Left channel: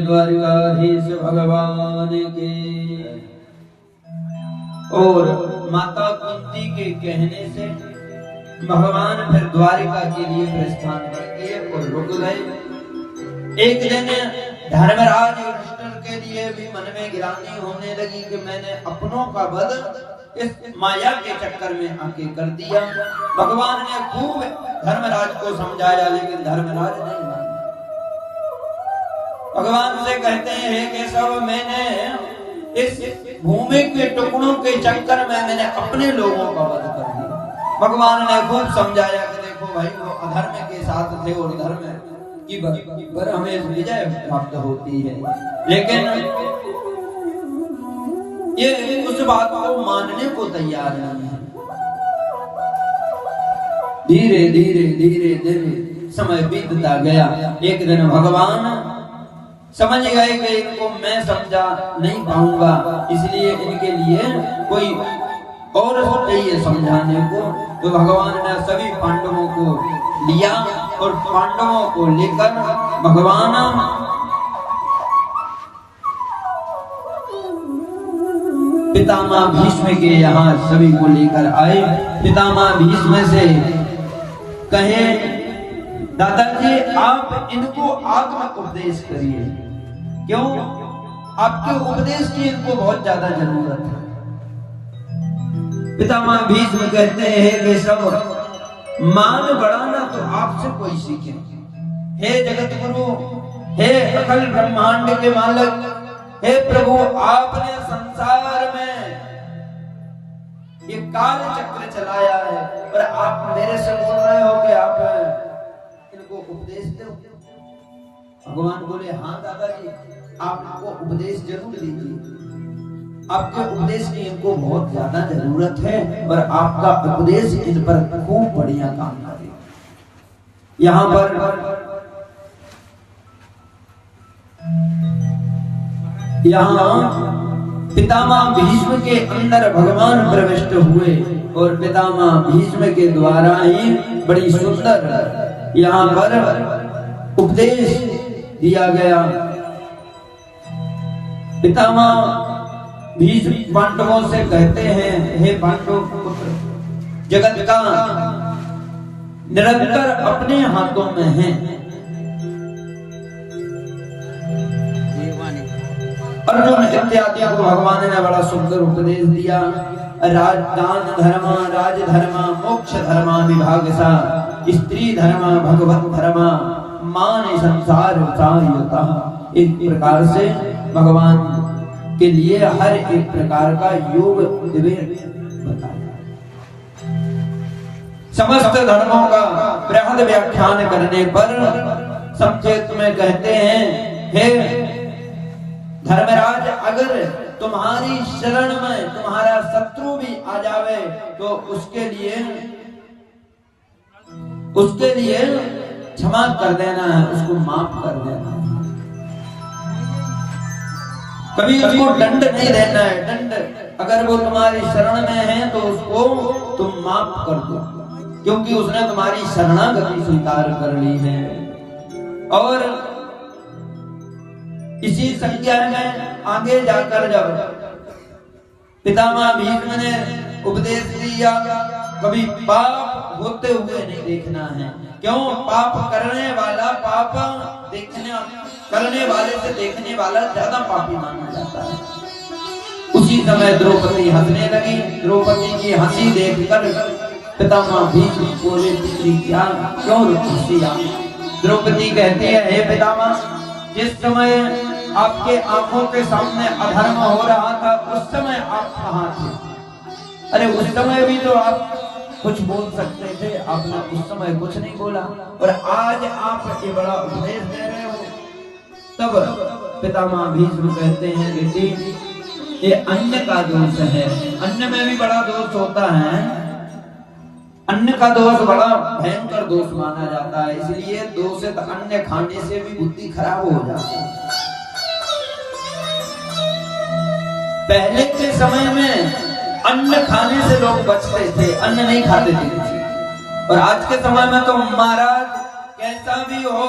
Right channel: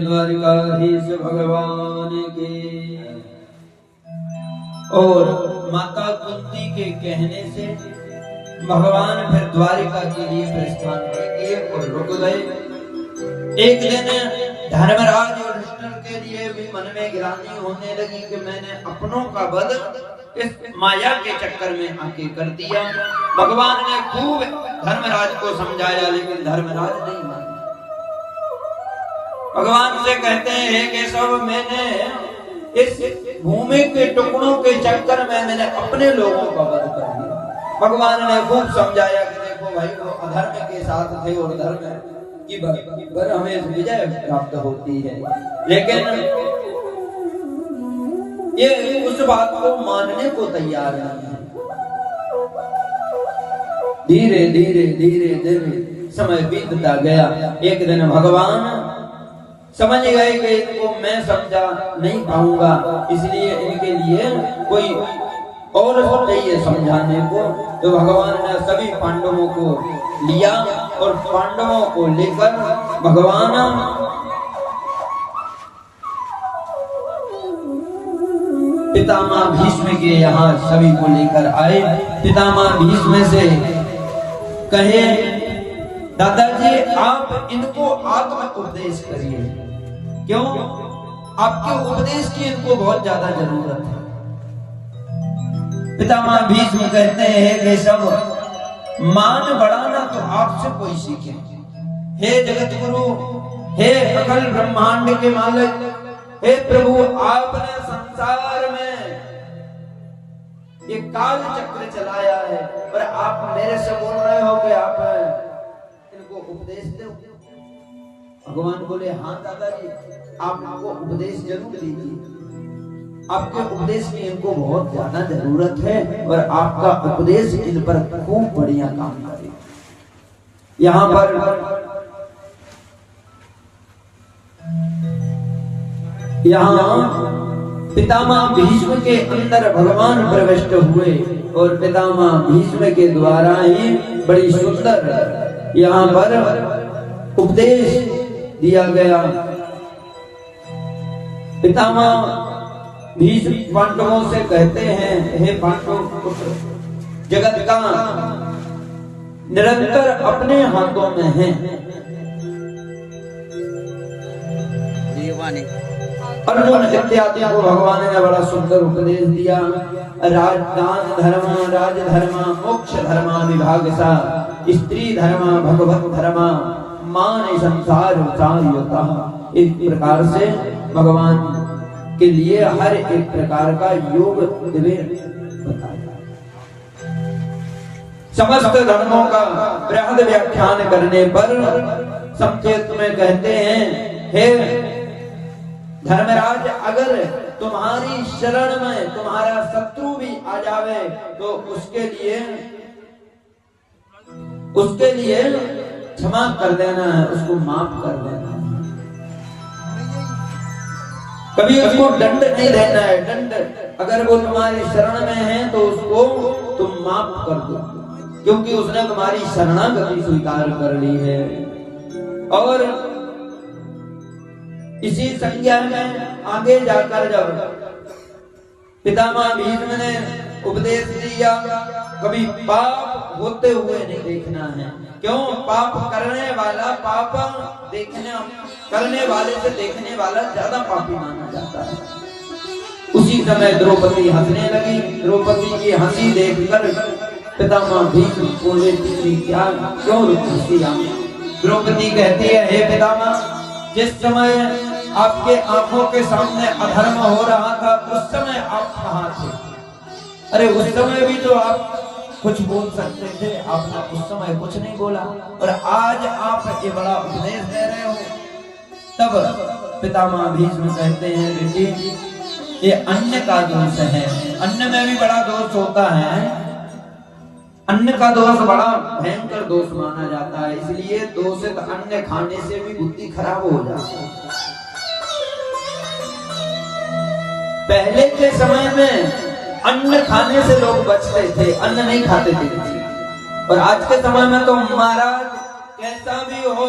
द्वारिकाधीश भगवान के। और माता कुंती के कहने से भगवान फिर द्वारिका के लिए प्रस्थान किए और रुक गए। एक दिन धर्मराज युधिष्ठिर के लिए भी मन में ग्लानि होने लगी कि मैंने अपनों का वध इस माया के चक्कर में आके कर दिया। भगवान ने खूब धर्मराज को समझाया, लेकिन धर्मराज नहीं माना। भगवान से कहते हैं कि सब मैंने इस भूमि के टुकड़ों के चक्कर में मैंने अपने लोगों का वध कर दिया। भगवान ने खूब समझाया कि देखो भाई, वो अधर्म के साथ थे और धर्म की पर हमें विजय प्राप्त होती है, लेकिन ये उस बात को मानने को तैयार नहीं है। धीरे धीरे धीरे धीरे समय बीतता गया। एक दिन भगवान समझ गए कि इनको मैं समझा नहीं पाऊंगा, इसलिए इनके लिए कोई और चाहिए समझाने को। तो भगवान ने सभी पांडवों को लिया और पांडवों को लेकर भगवान पितामह भीष्म के यहाँ सभी को लेकर आए। पितामह भीष्म से कहे, दादाजी आप इनको आत्म उपदेश करिए। क्यों? आपके उपदेश की इनको बहुत ज्यादा जरूरत है। पितामह भीष्म कहते हैं कि सब मान बढ़ाना तो आपसे कोई सीखे। हे जगत गुरु, हे अखिल ब्रह्मांड के मालिक, हे प्रभु, आपने संसार में ये काल चक्र चलाया है और आप मेरे से बोल रहे हो कि आप इनको उपदेश दो। भगवान बोले, हाँ दादाजी, आप इनको उपदेश जरूर दीजिए। आपके उपदेश की इनको बहुत ज्यादा जरूरत है और आपका उपदेश इन पर खूब बढ़िया काम करे। यहाँ पर पितामह भीष्म के अंदर भगवान प्रविष्ट हुए और पितामह भीष्म के द्वारा ही बड़ी सुंदर यहाँ पर उपदेश दिया गया। पितामह भीष्म पांडवों से कहते हैं, हे पांडव पुत्र, जगत का निरंतर अपने हाथों में है। अर्जुन इत्यादि को भगवान ने बड़ा सुंदर उपदेश दिया। राजदान धर्म, राजधर्म, मोक्ष धर्म विभाग सा, स्त्री धर्म, भगवत धर्म, मान संसार सारयता। इस प्रकार से भगवान के लिए हर एक प्रकार का योग बताया। समस्त धर्मों का बृहद व्याख्यान करने पर संक्षेप में कहते हैं, हे धर्मराज, अगर तुम्हारी शरण में तुम्हारा शत्रु भी आ जावे तो उसके लिए क्षमा कर देना है, उसको माफ कर देना है। कभी उसको दंड नहीं देना है। दंड अगर वो तुम्हारी शरण में है तो उसको तुम माफ कर दो, क्योंकि उसने तुम्हारी शरणागति स्वीकार कर ली है। और इसी संज्ञा में आगे जाकर जब पितामह भीष्म ने उपदेश दिया, कभी पाप होते हुए नहीं देखना है। क्यों? पाप करने वाला पाप करने वाले से देखने वाला ज्यादा पापी माना जाता है। उसी समय द्रौपदी हंसने लगी। द्रौपदी की हंसी देखकर पितामह भीष्म बोले, क्या क्यों हंसी आप? द्रौपदी कहती है, हे पितामह, जिस समय आपके आंखों के सामने अधर्म हो रहा था उस समय आप कहाँ थे? अरे उस समय भी तो आप कुछ बोल सकते थे, आपने उस समय कुछ नहीं बोला, और आज आप ये बड़ा उपदेश दे रहे हो। तब पितामह भीष्म कहते हैं, बेटी, ये अन्न का दोष है। अन्न में भी बड़ा दोष होता है। अन्न का दोष बड़ा भयंकर दोष माना जाता है, इसलिए दूषित अन्न खाने से भी बुद्धि खराब हो जाती है। पहले के समय में अन्न खाने से लोग बचते थे, अन्न नहीं खाते थे। और आज के समय में तो महाराज कैसा भी हो,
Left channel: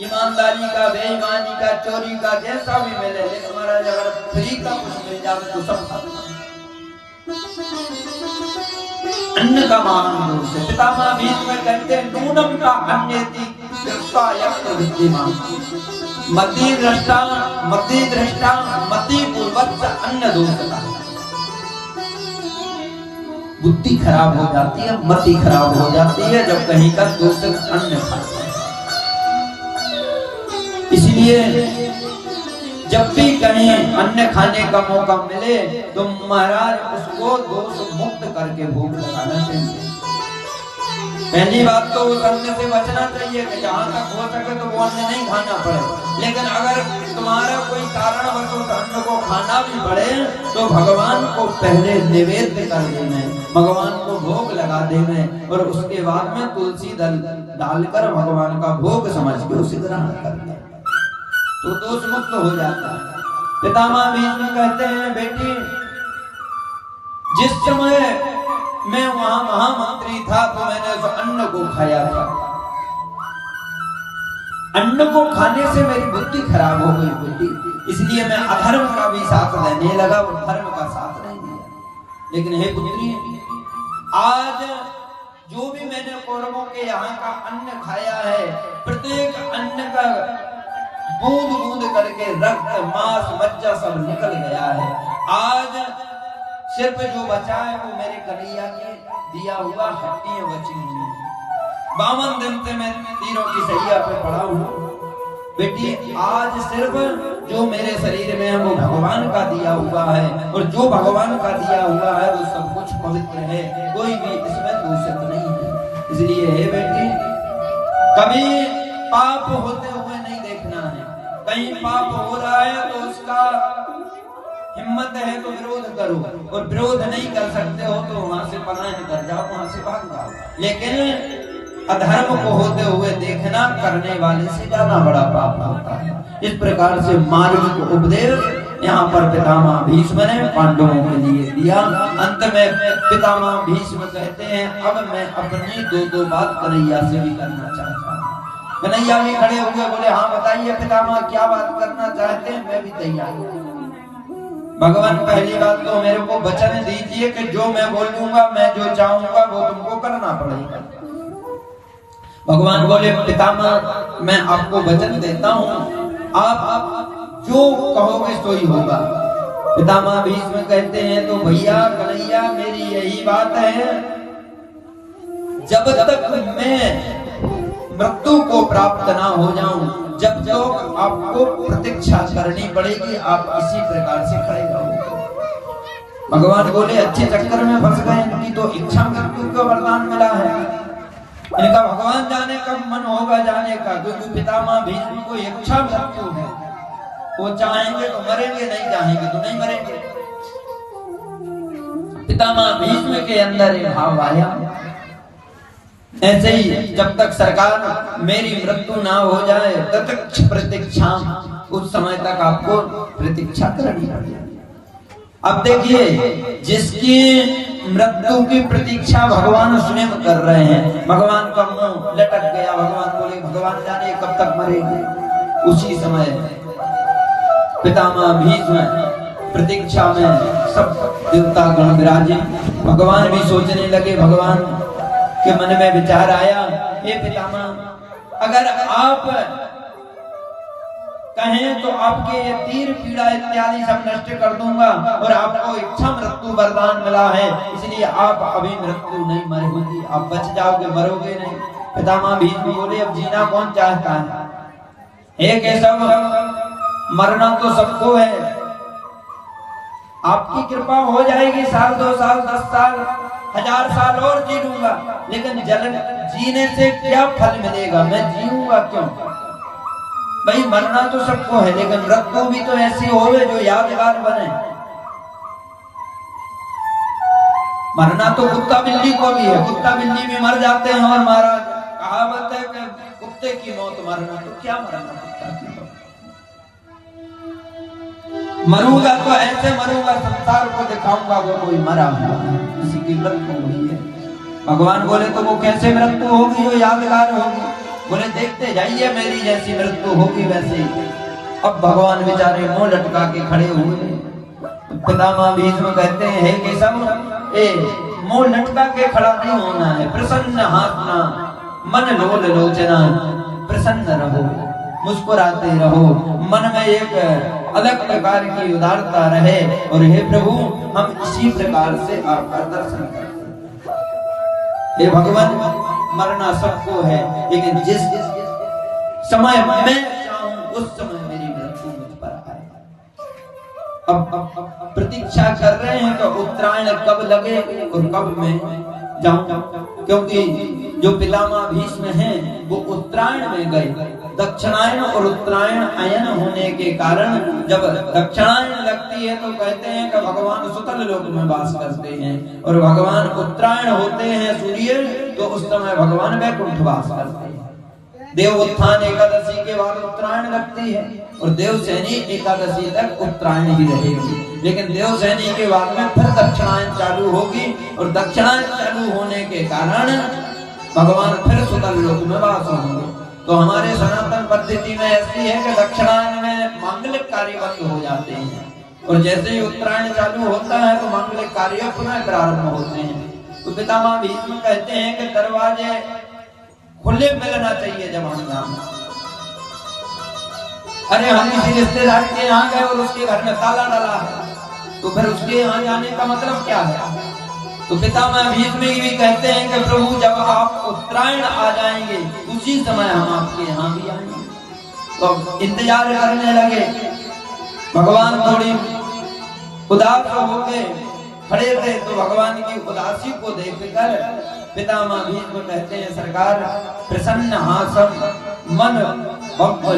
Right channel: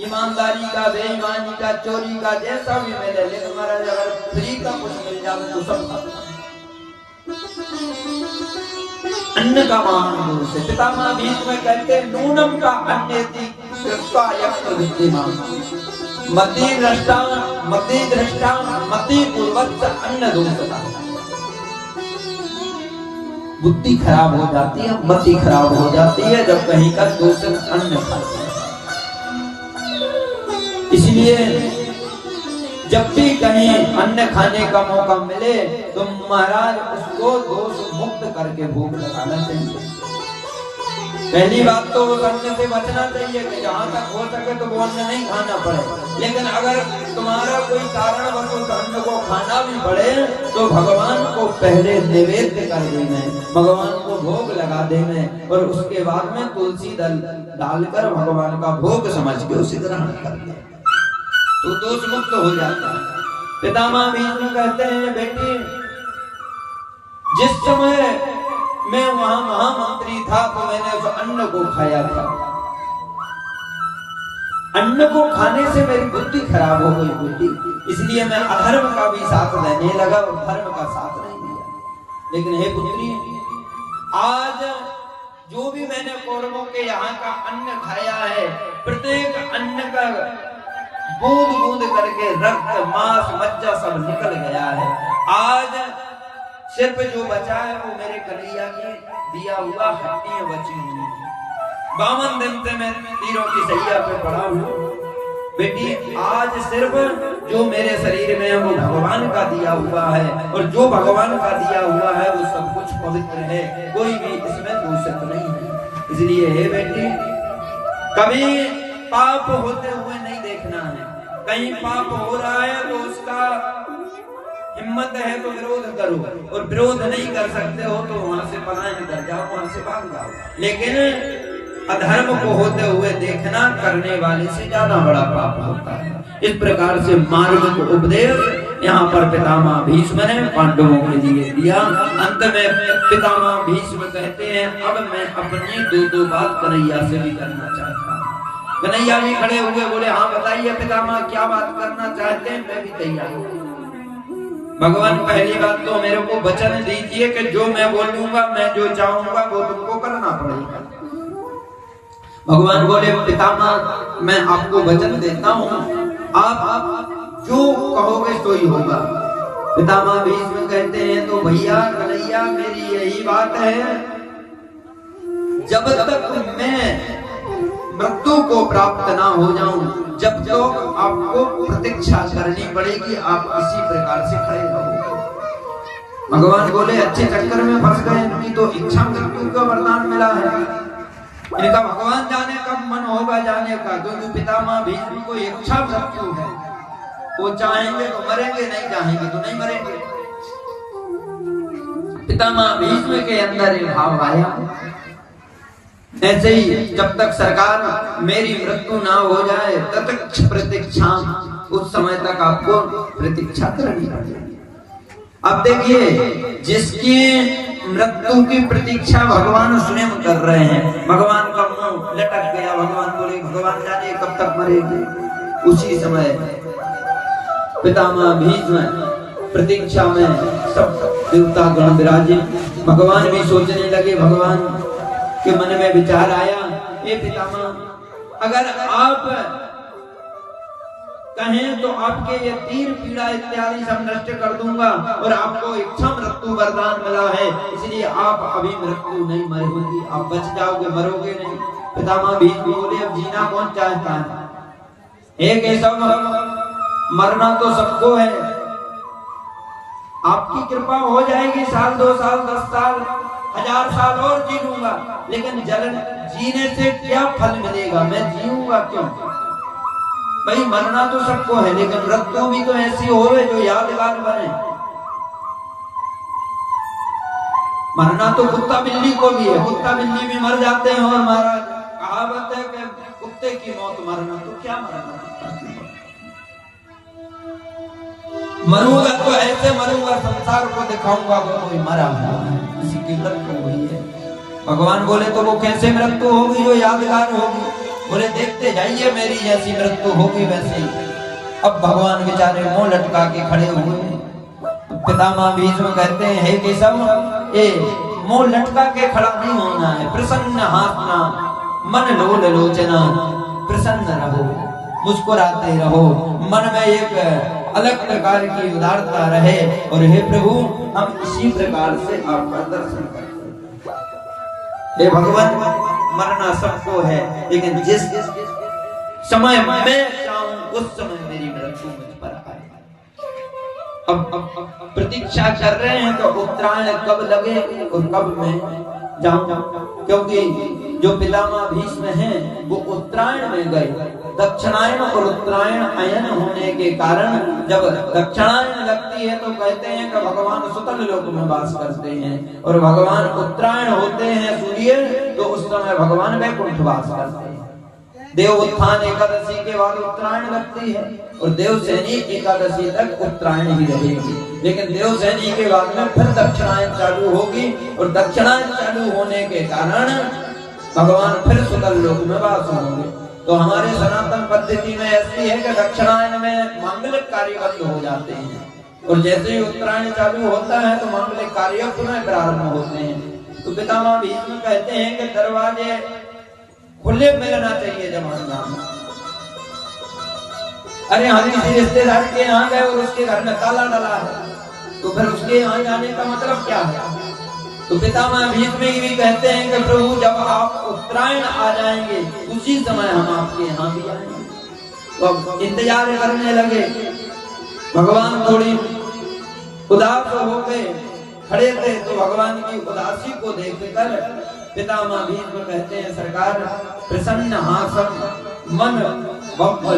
ईमानदारी का, बेईमानी का, चोरी का, जैसा भी मिले, लेकिन महाराज अगर फ्री का कुछ मिल जाए तो सब खाते। अन्न का महान दोष है। पितामह भीष्म कहते हैं, नूनम का अन्येति कृत्वा यक्त विद्यमान, मति दृष्टा मति पूर्वक अन्न दोषता। बुद्धि खराब हो जाती है, मति खराब हो जाती है जब कहीं का दूषित अन्न खाते हैं। इसलिए जब भी कहीं अन्न खाने का मौका मिले तो महाराज उसको दोष मुक्त करके भोग लगाना चाहिए। पहली बात तो उस अन्न से बचना चाहिए कि जहां तक हो सके तो वो अन्न नहीं खाना पड़े। लेकिन अगर तुम्हारा कोई कारणवश उस अन्न को खाना भी पड़े तो भगवान को पहले निवेद्य कर देना, भगवान को भोग लगा देना, और उसके बाद में तुलसी दल डालकर भगवान का भोग समझ के उसे ग्रहण करना, तो दोष मुक्त हो जाता है। पितामह भीष्म कहते हैं, बेटी, जिस समय मैं वहां महामंत्री था तो मैंने उस अन्न को खाया था। अन्न को खाने से मेरी बुद्धि खराब हो गई बेटी, इसलिए मैं अधर्म का भी साथ देने लगा और धर्म का साथ नहीं दिया। लेकिन हे पुत्री, आज जो भी मैंने कौरवों के यहाँ का अन्न खाया है, प्रत्येक अन्न का बूंद बूंद करके रक्त, मांस, मज्जा सब निकल गया है। आज सिर्फ जो बचा है वो मेरे कन्हैया की दिया हुआ हड्डियां बची हुई है। 52 दिन से मैं तीरों की सैया पे पड़ा हूँ बेटी। आज सिर्फ जो मेरे शरीर में है वो भगवान का दिया हुआ है, और जो भगवान का दिया हुआ है वो सब कुछ पवित्र है, कोई भी इसमें दूषित नहीं है। इसलिए हे बेटी, कभी पाप होते हुए नहीं देखना है। कहीं पाप हो रहा है तो उसका हिम्मत है तो विरोध करो, और विरोध नहीं कर सकते हो तो वहां से पलायन कर जाओ, वहां से भाग जाओ। लेकिन अधर्म को होते हुए देखना करने वाले से ज्यादा बड़ा पाप होता है। इस प्रकार से मार्मिक उपदेश यहाँ पर पितामह भीष्म ने पांडवों के लिए दिया। अंत में पितामह भीष्म कहते हैं, अब मैं अपनी दो बात कन्हैया से भी करना चाहता हूँ। कन्हैया भी खड़े हुए बोले, हाँ बताइए पितामह, क्या बात करना चाहते हैं? मैं भी तैयार हूँ। भगवान पहली बात तो मेरे को वचन दीजिए कि जो मैं बोलूंगा, मैं जो चाहूंगा वो तुमको करना पड़ेगा। भगवान बोले पितामह मैं आपको वचन देता हूँ, आप जो कहोगे सो ही होगा। पितामह भीष्म कहते हैं तो भैया कन्हैया मेरी यही बात है, जब तक मैं मृत्यु को प्राप्त ना हो जाऊं, जब तक आपको प्रतीक्षा करनी पड़ेगी, आप इसी प्रकार से खड़े रहोगे। भगवान बोले अच्छे चक्कर में फंस गए, इनकी तो इच्छा मृत्यु का वरदान मिला है, इनका भगवान जाने कब मन होगा जाने का, क्योंकि पितामह भीष्म को इच्छा मृत्यु है, वो चाहेंगे तो मरेंगे, नहीं चाहेंगे तो नहीं मरेंगे। पितामह भीष्म के अंदर ये भाव आया, ऐसे ही जब तक सरकार मेरी मृत्यु ना हो जाए तब तक प्रतीक्षा, उस समय तक आपको प्रतीक्षा करनी पड़ेगी। अब देखिए जिसकी मृत्यु की प्रतीक्षा भगवान स्वयं कर रहे हैं, भगवान का मुंह लटक गया, भगवान बोले भगवान जाने कब तक मरेंगे। उसी समय पितामह भीष्म प्रतीक्षा में सब देवता गण विराजे, भगवान भी सोचने लगे, भगवान के मन में विचार आया, हे पितामह अगर आप कहें तो आपके ये तीर पीड़ा इत्यादि सब नष्ट कर दूंगा, और आपको इच्छा मृत्यु वरदान मिला है, इसलिए आप अभी मृत्यु नहीं मरोगी, आप बच जाओगे, मरोगे नहीं। पितामह भीष्म बोले अब जीना कौन चाहता है, हे केशव मरना तो सबको है, आपकी कृपा हो जाएगी, साल 2 साल 10 साल 1000 साल और जी लूंगा, लेकिन जलन जीने से क्या फल मिलेगा, मैं जीऊंगा क्यों। भाई मरना तो सबको है, लेकिन मृत्यु भी तो ऐसी होवे जो यादगार बने। मरना तो कुत्ता बिल्ली को भी है, कुत्ता बिल्ली भी मर जाते हैं, और महाराज कहावत है कि कुत्ते की मौत मरना, तो क्या मरना, मरूंगा तो ऐसे मरूंगा संसार को दिखाऊंगा वो कोई मरा हुआ है, किसी की मृत्यु हुई है। भगवान बोले तो वो कैसे मृत्यु होगी जो यादगार होगी, बोले देखते जाइए मेरी जैसी मृत्यु होगी वैसे ही। अब भगवान बेचारे मुंह लटका के खड़े हुए, पितामह भीष्म कहते हैं हे केशव ए मुंह लटका के खड़ा नहीं होना है, प्रसन्न हंसना, मन लोल लोचना, प्रसन्न रहो, मुस्कुराते रहो, मन में एक अलग प्रकार की उदारता रहे, और हे प्रभु हम इसी प्रकार से आपका दर्शन करते हैं। हे भगवान मरना सबको है, लेकिन जिस समय मैं चाहूं उस समय मेरी मृत्यु मुझ पर आए। अब प्रतीक्षा कर रहे हैं तो उत्तरायण कब लगे और कब मैं जाऊं, क्योंकि जो पितामह भीष्म हैं वो उत्तरायण में गए। दक्षिणायन और उत्तरायण अयन होने के कारण जब दक्षिणायन लगती है तो कहते हैं कि भगवान सुतल लोक में वास करते हैं, और भगवान उत्तरायण होते हैं सूर्य तो उस समय भगवान वैकुंठ वास करते हैं। देव उत्थान एकादशी के बाद उत्तरायण लगती है, और देवसैनी एकादशी तक उत्तरायण ही रहेगी, लेकिन देवसैनी के बाद में फिर दक्षिणायन चालू होगी, और दक्षिणायन चालू होने के कारण भगवान फिर सुतल लोक में वास होंगे। तो हमारे सनातन पद्धति में ऐसी है कि दक्षिणायन में मांगलिक कार्य बंद हो जाते हैं, और जैसे ही उत्तरायण चालू होता है तो मांगलिक कार्य पुनः प्रारंभ होते हैं। तो पितामह भीष्म कहते हैं कि दरवाजे खुले मिलना चाहिए जब हम यहाँ, अरे हम किसी रिश्तेदार के यहाँ गए और उसके घर में ताला डाला है, तो फिर उसके यहाँ जाने का मतलब क्या है। तो पितामह भीष्म भी कहते हैं कि प्रभु जब आप उत्तरायण आ जाएंगे उसी समय हम आपके यहाँ भी आएंगे। तो इंतजार करने लगे, भगवान थोड़ी उदास होके खड़े थे, तो भगवान की उदासी को देखकर पितामह भीष्म कहते हैं सरकार प्रसन्न हासम मन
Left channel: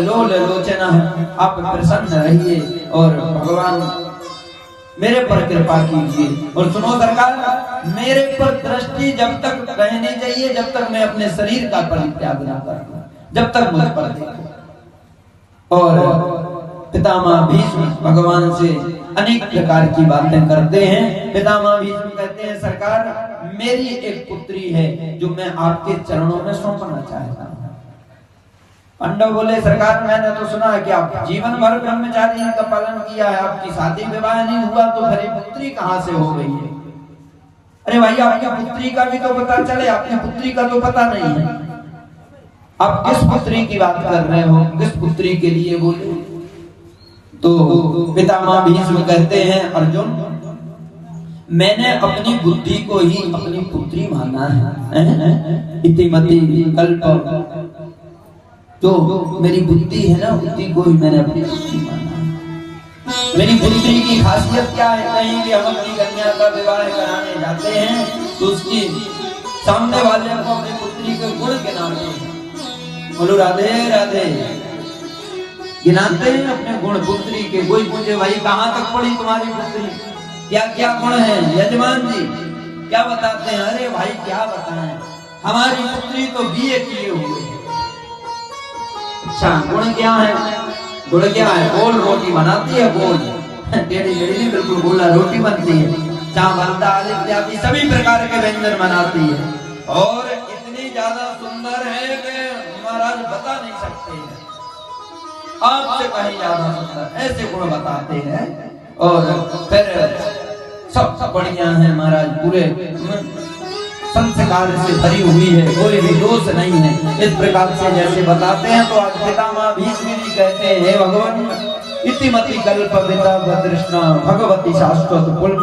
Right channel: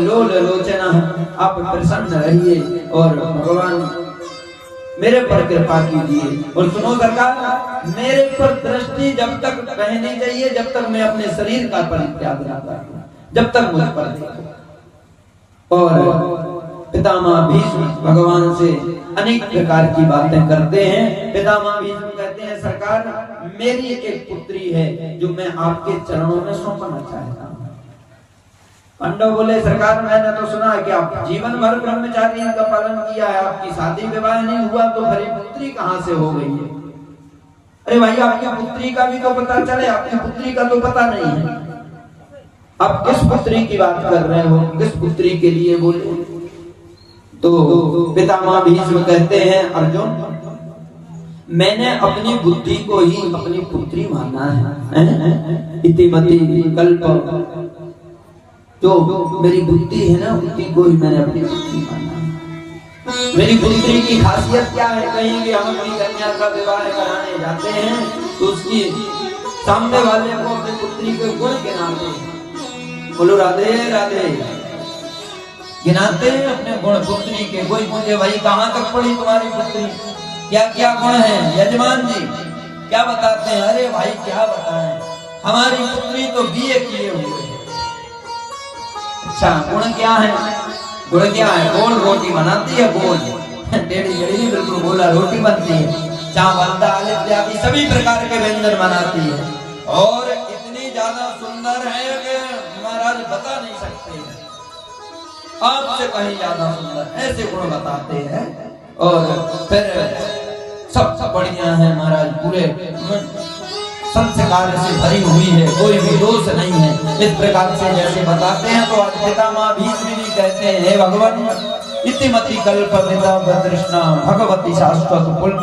लोल लोचना, आप प्रसन्न रहिए और भगवान मेरे पर कृपा कीजिए। और सुनो सरकार मेरे पर दृष्टि जब तक रहनी चाहिए जब तक मैं अपने शरीर का परित्याग ना करूं, जब तक मुझ पर देखो। और पितामह भीष्म भगवान से अनेक प्रकार की बातें करते हैं। पितामह भीष्म कहते हैं सरकार मेरी एक पुत्री है जो मैं आपके चरणों में सौंपना चाहता हूं। पांडव बोले सरकार मैंने तो सुना है कि आप जीवन भर ब्रह्मचारी का पालन किया है, आपकी शादी विवाह नहीं हुआ तो फिर पुत्री कहाँ से हो गई है? अरे भाई आपकी पुत्री का भी तो पता चले, आपकी पुत्री का तो पता नहीं है। आप किस पुत्री की बात कर रहे हो, किस पुत्री के लिए बोले? तो पितामह भीष्म कहते हैं अर्जुन मैंने अपनी बुद्धि को ही अपनी पुत्री माना है। इतिमति कल्प तो मेरी बुद्धि है ना, बुद्धि को ही मैंने अपनी पुत्री माना है। मेरी पुत्री की खासियत क्या है? कहीं भी हम अपनी कन्या का विवाह कराने जाते हैं तो उसकी सामने वाले को अपनी पुत्री के गुण गिनाते हैं। बोलो राधे राधे, गिनाते हैं अपने गुण पुत्री के। कोई पूछे भाई कहाँ तक पढ़ी तुम्हारी पुत्री, क्या क्या गुण है? यजमान जी क्या बताते हैं? अरे भाई क्या बताएं, हमारी पुत्री तो बीए किए हुए। अच्छा गुण क्या है? गुण क्या है? गोल रोटी बनाती है, गोल टेढ़ी मेढ़ी बिल्कुल गोला रोटी बनती है, चावल दाल इत्यादि सभी प्रकार के व्यंजन बनाती है और इतनी ज्यादा सुंदर है कि महाराज बता नहीं सकते हैं, आपसे कहीं ज्यादा सुंदर, ऐसे गुण बताते हैं। और फिर सब बढ़िया है महाराज, पूरे संस्कार से भरी हुई है, कोई भी दोष नहीं है, इस प्रकार से जैसे बताते हैं। तो आज पितामह भीष्म भी कहते हैं हे भगवान इतिमति कल्प तृष्णा भगवती शाश्वत पुण्य।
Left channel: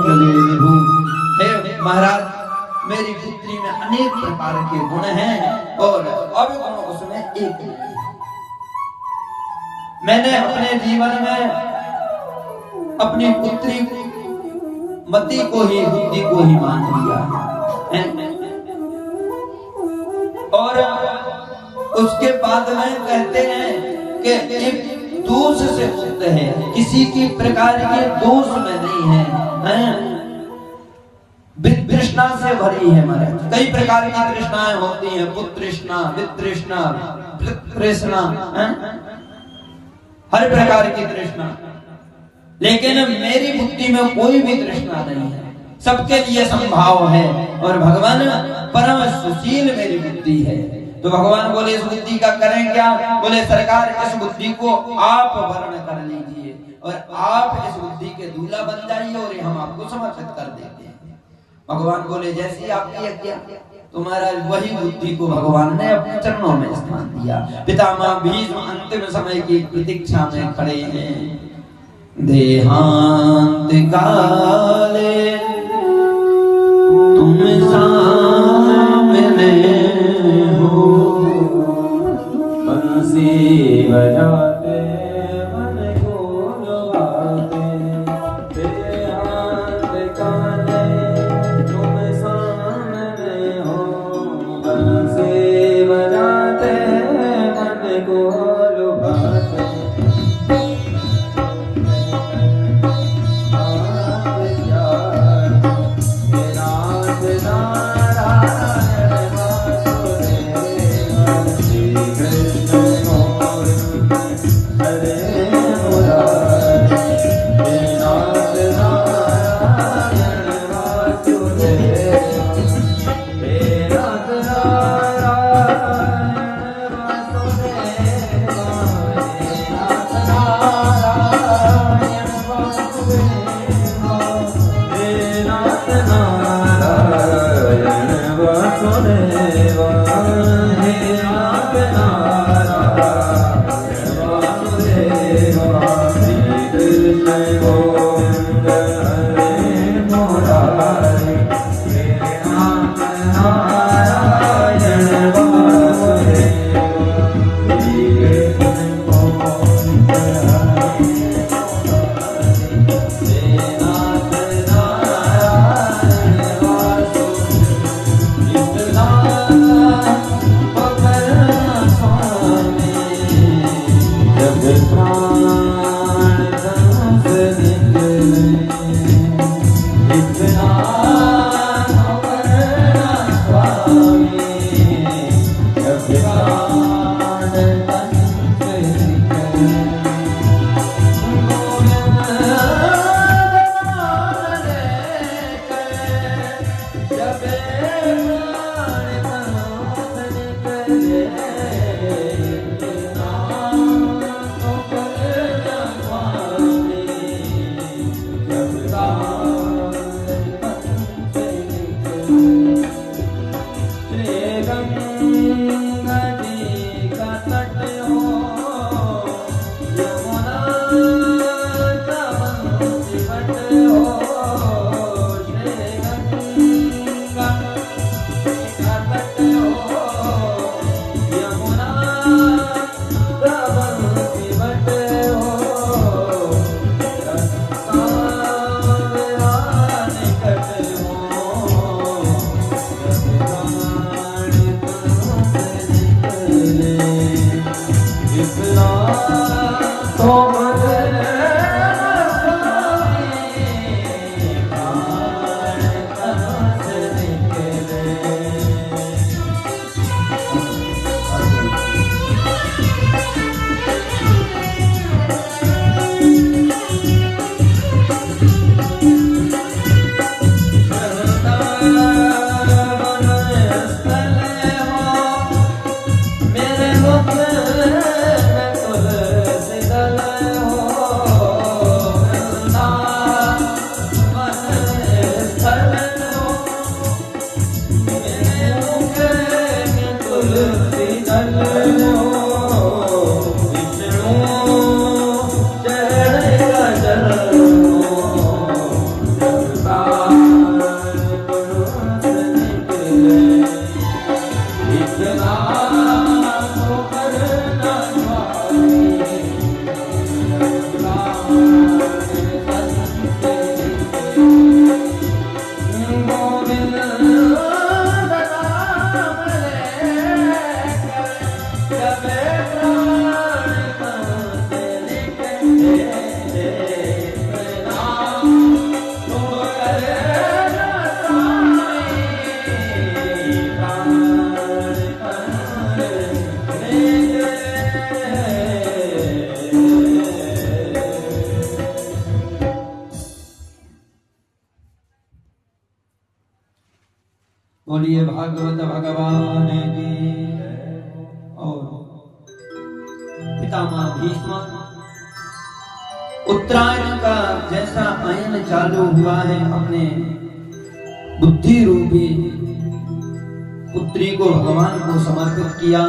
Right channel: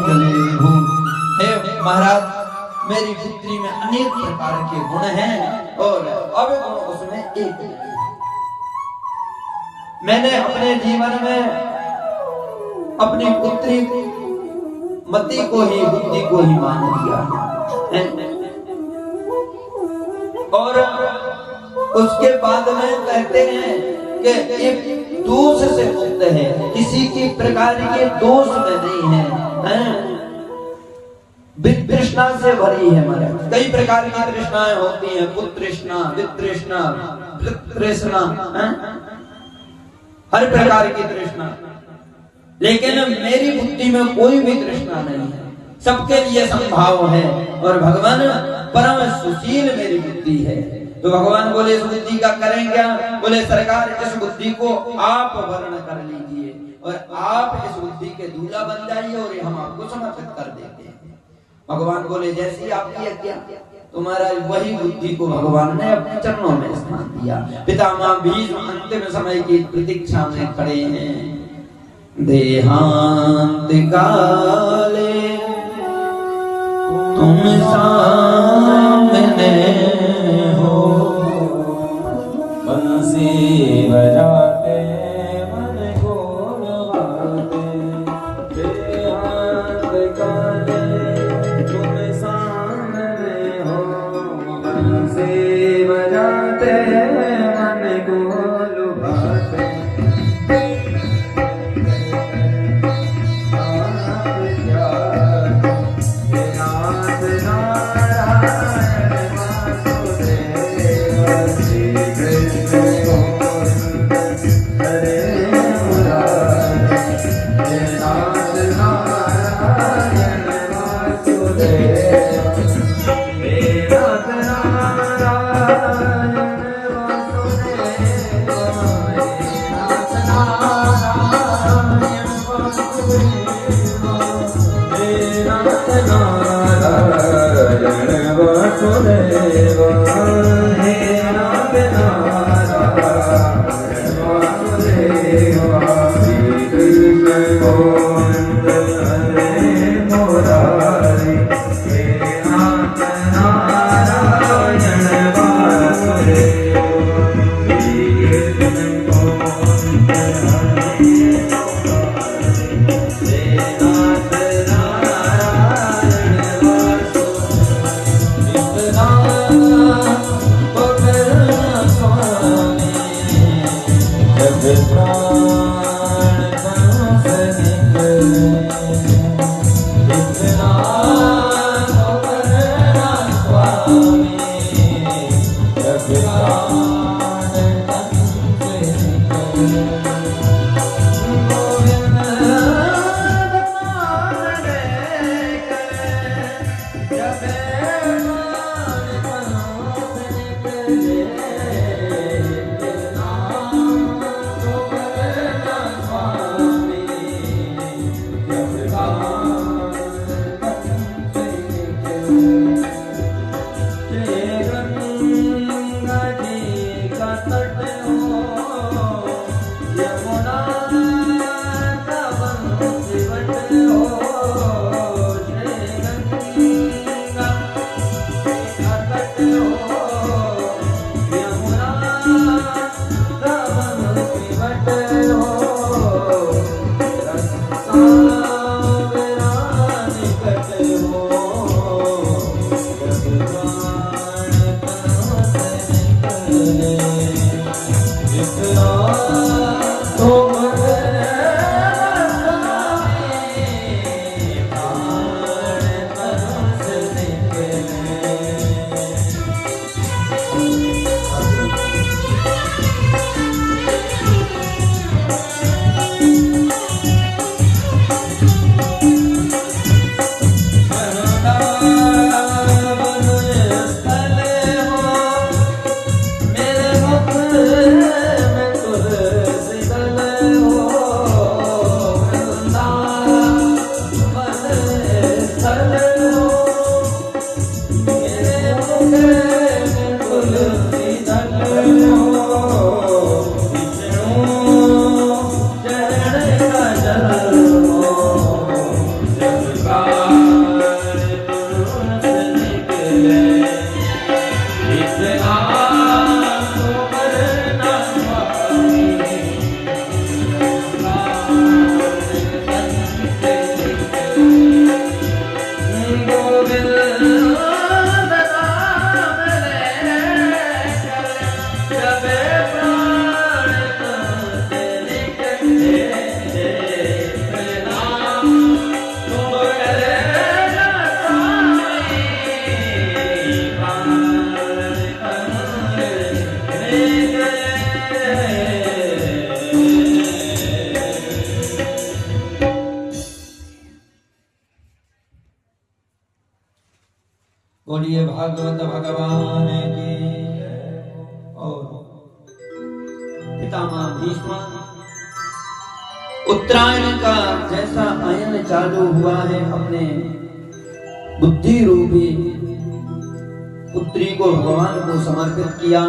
हे महाराज मेरी पुत्री में अनेक प्रकार के गुण हैं और अब गुण उसमें एक मैंने अपने जीवन में अपनी पुत्री मति को ही बुद्धि को ही मान लिया है। और उसके बाद में कहते हैं कि एक दोष से मुक्त है, किसी की प्रकार के दोष में नहीं है, तृष्णा से भरी है। महाराज कई प्रकार की तृष्णाएं होती हैं, पुत्रृष्णा, वितृष्णा, तृष्णा, हर प्रकार की तृष्णा, लेकिन मेरी बुद्धि में कोई भी तृष्णा नहीं है, सबके लिए संभाव है। और भगवान परम सुशील मेरी बुद्धि है। तो भगवान बोले इस बुद्धि का करें क्या? बोले सरकार इस बुद्धि को आप वर्ण कर लीजिए और आप इस बुद्धि के दूल्हा बन जाइए और हम आपको समर्पित कर देते हैं। भगवान बोले जैसी आपकी आज्ञा। तुम्हारा वही बुद्धि को भगवान ने अपने चरणों में स्थान दिया। पितामह भीष्म अंतिम समय की प्रतीक्षा में खड़े हैं। देहांत काले तुम सामने हो, बंसी बजाते मन को लुभाते। देहांत काले तुम सामने हो, बंसी बजाते मन को लुभाते। बोलिए भागवत भगवान की। और पितामह भीष्म उत्तरायण का जैसा अयन चालू हुआ है, अपने बुद्धि रूपी पुत्री को भगवान को समर्पित किया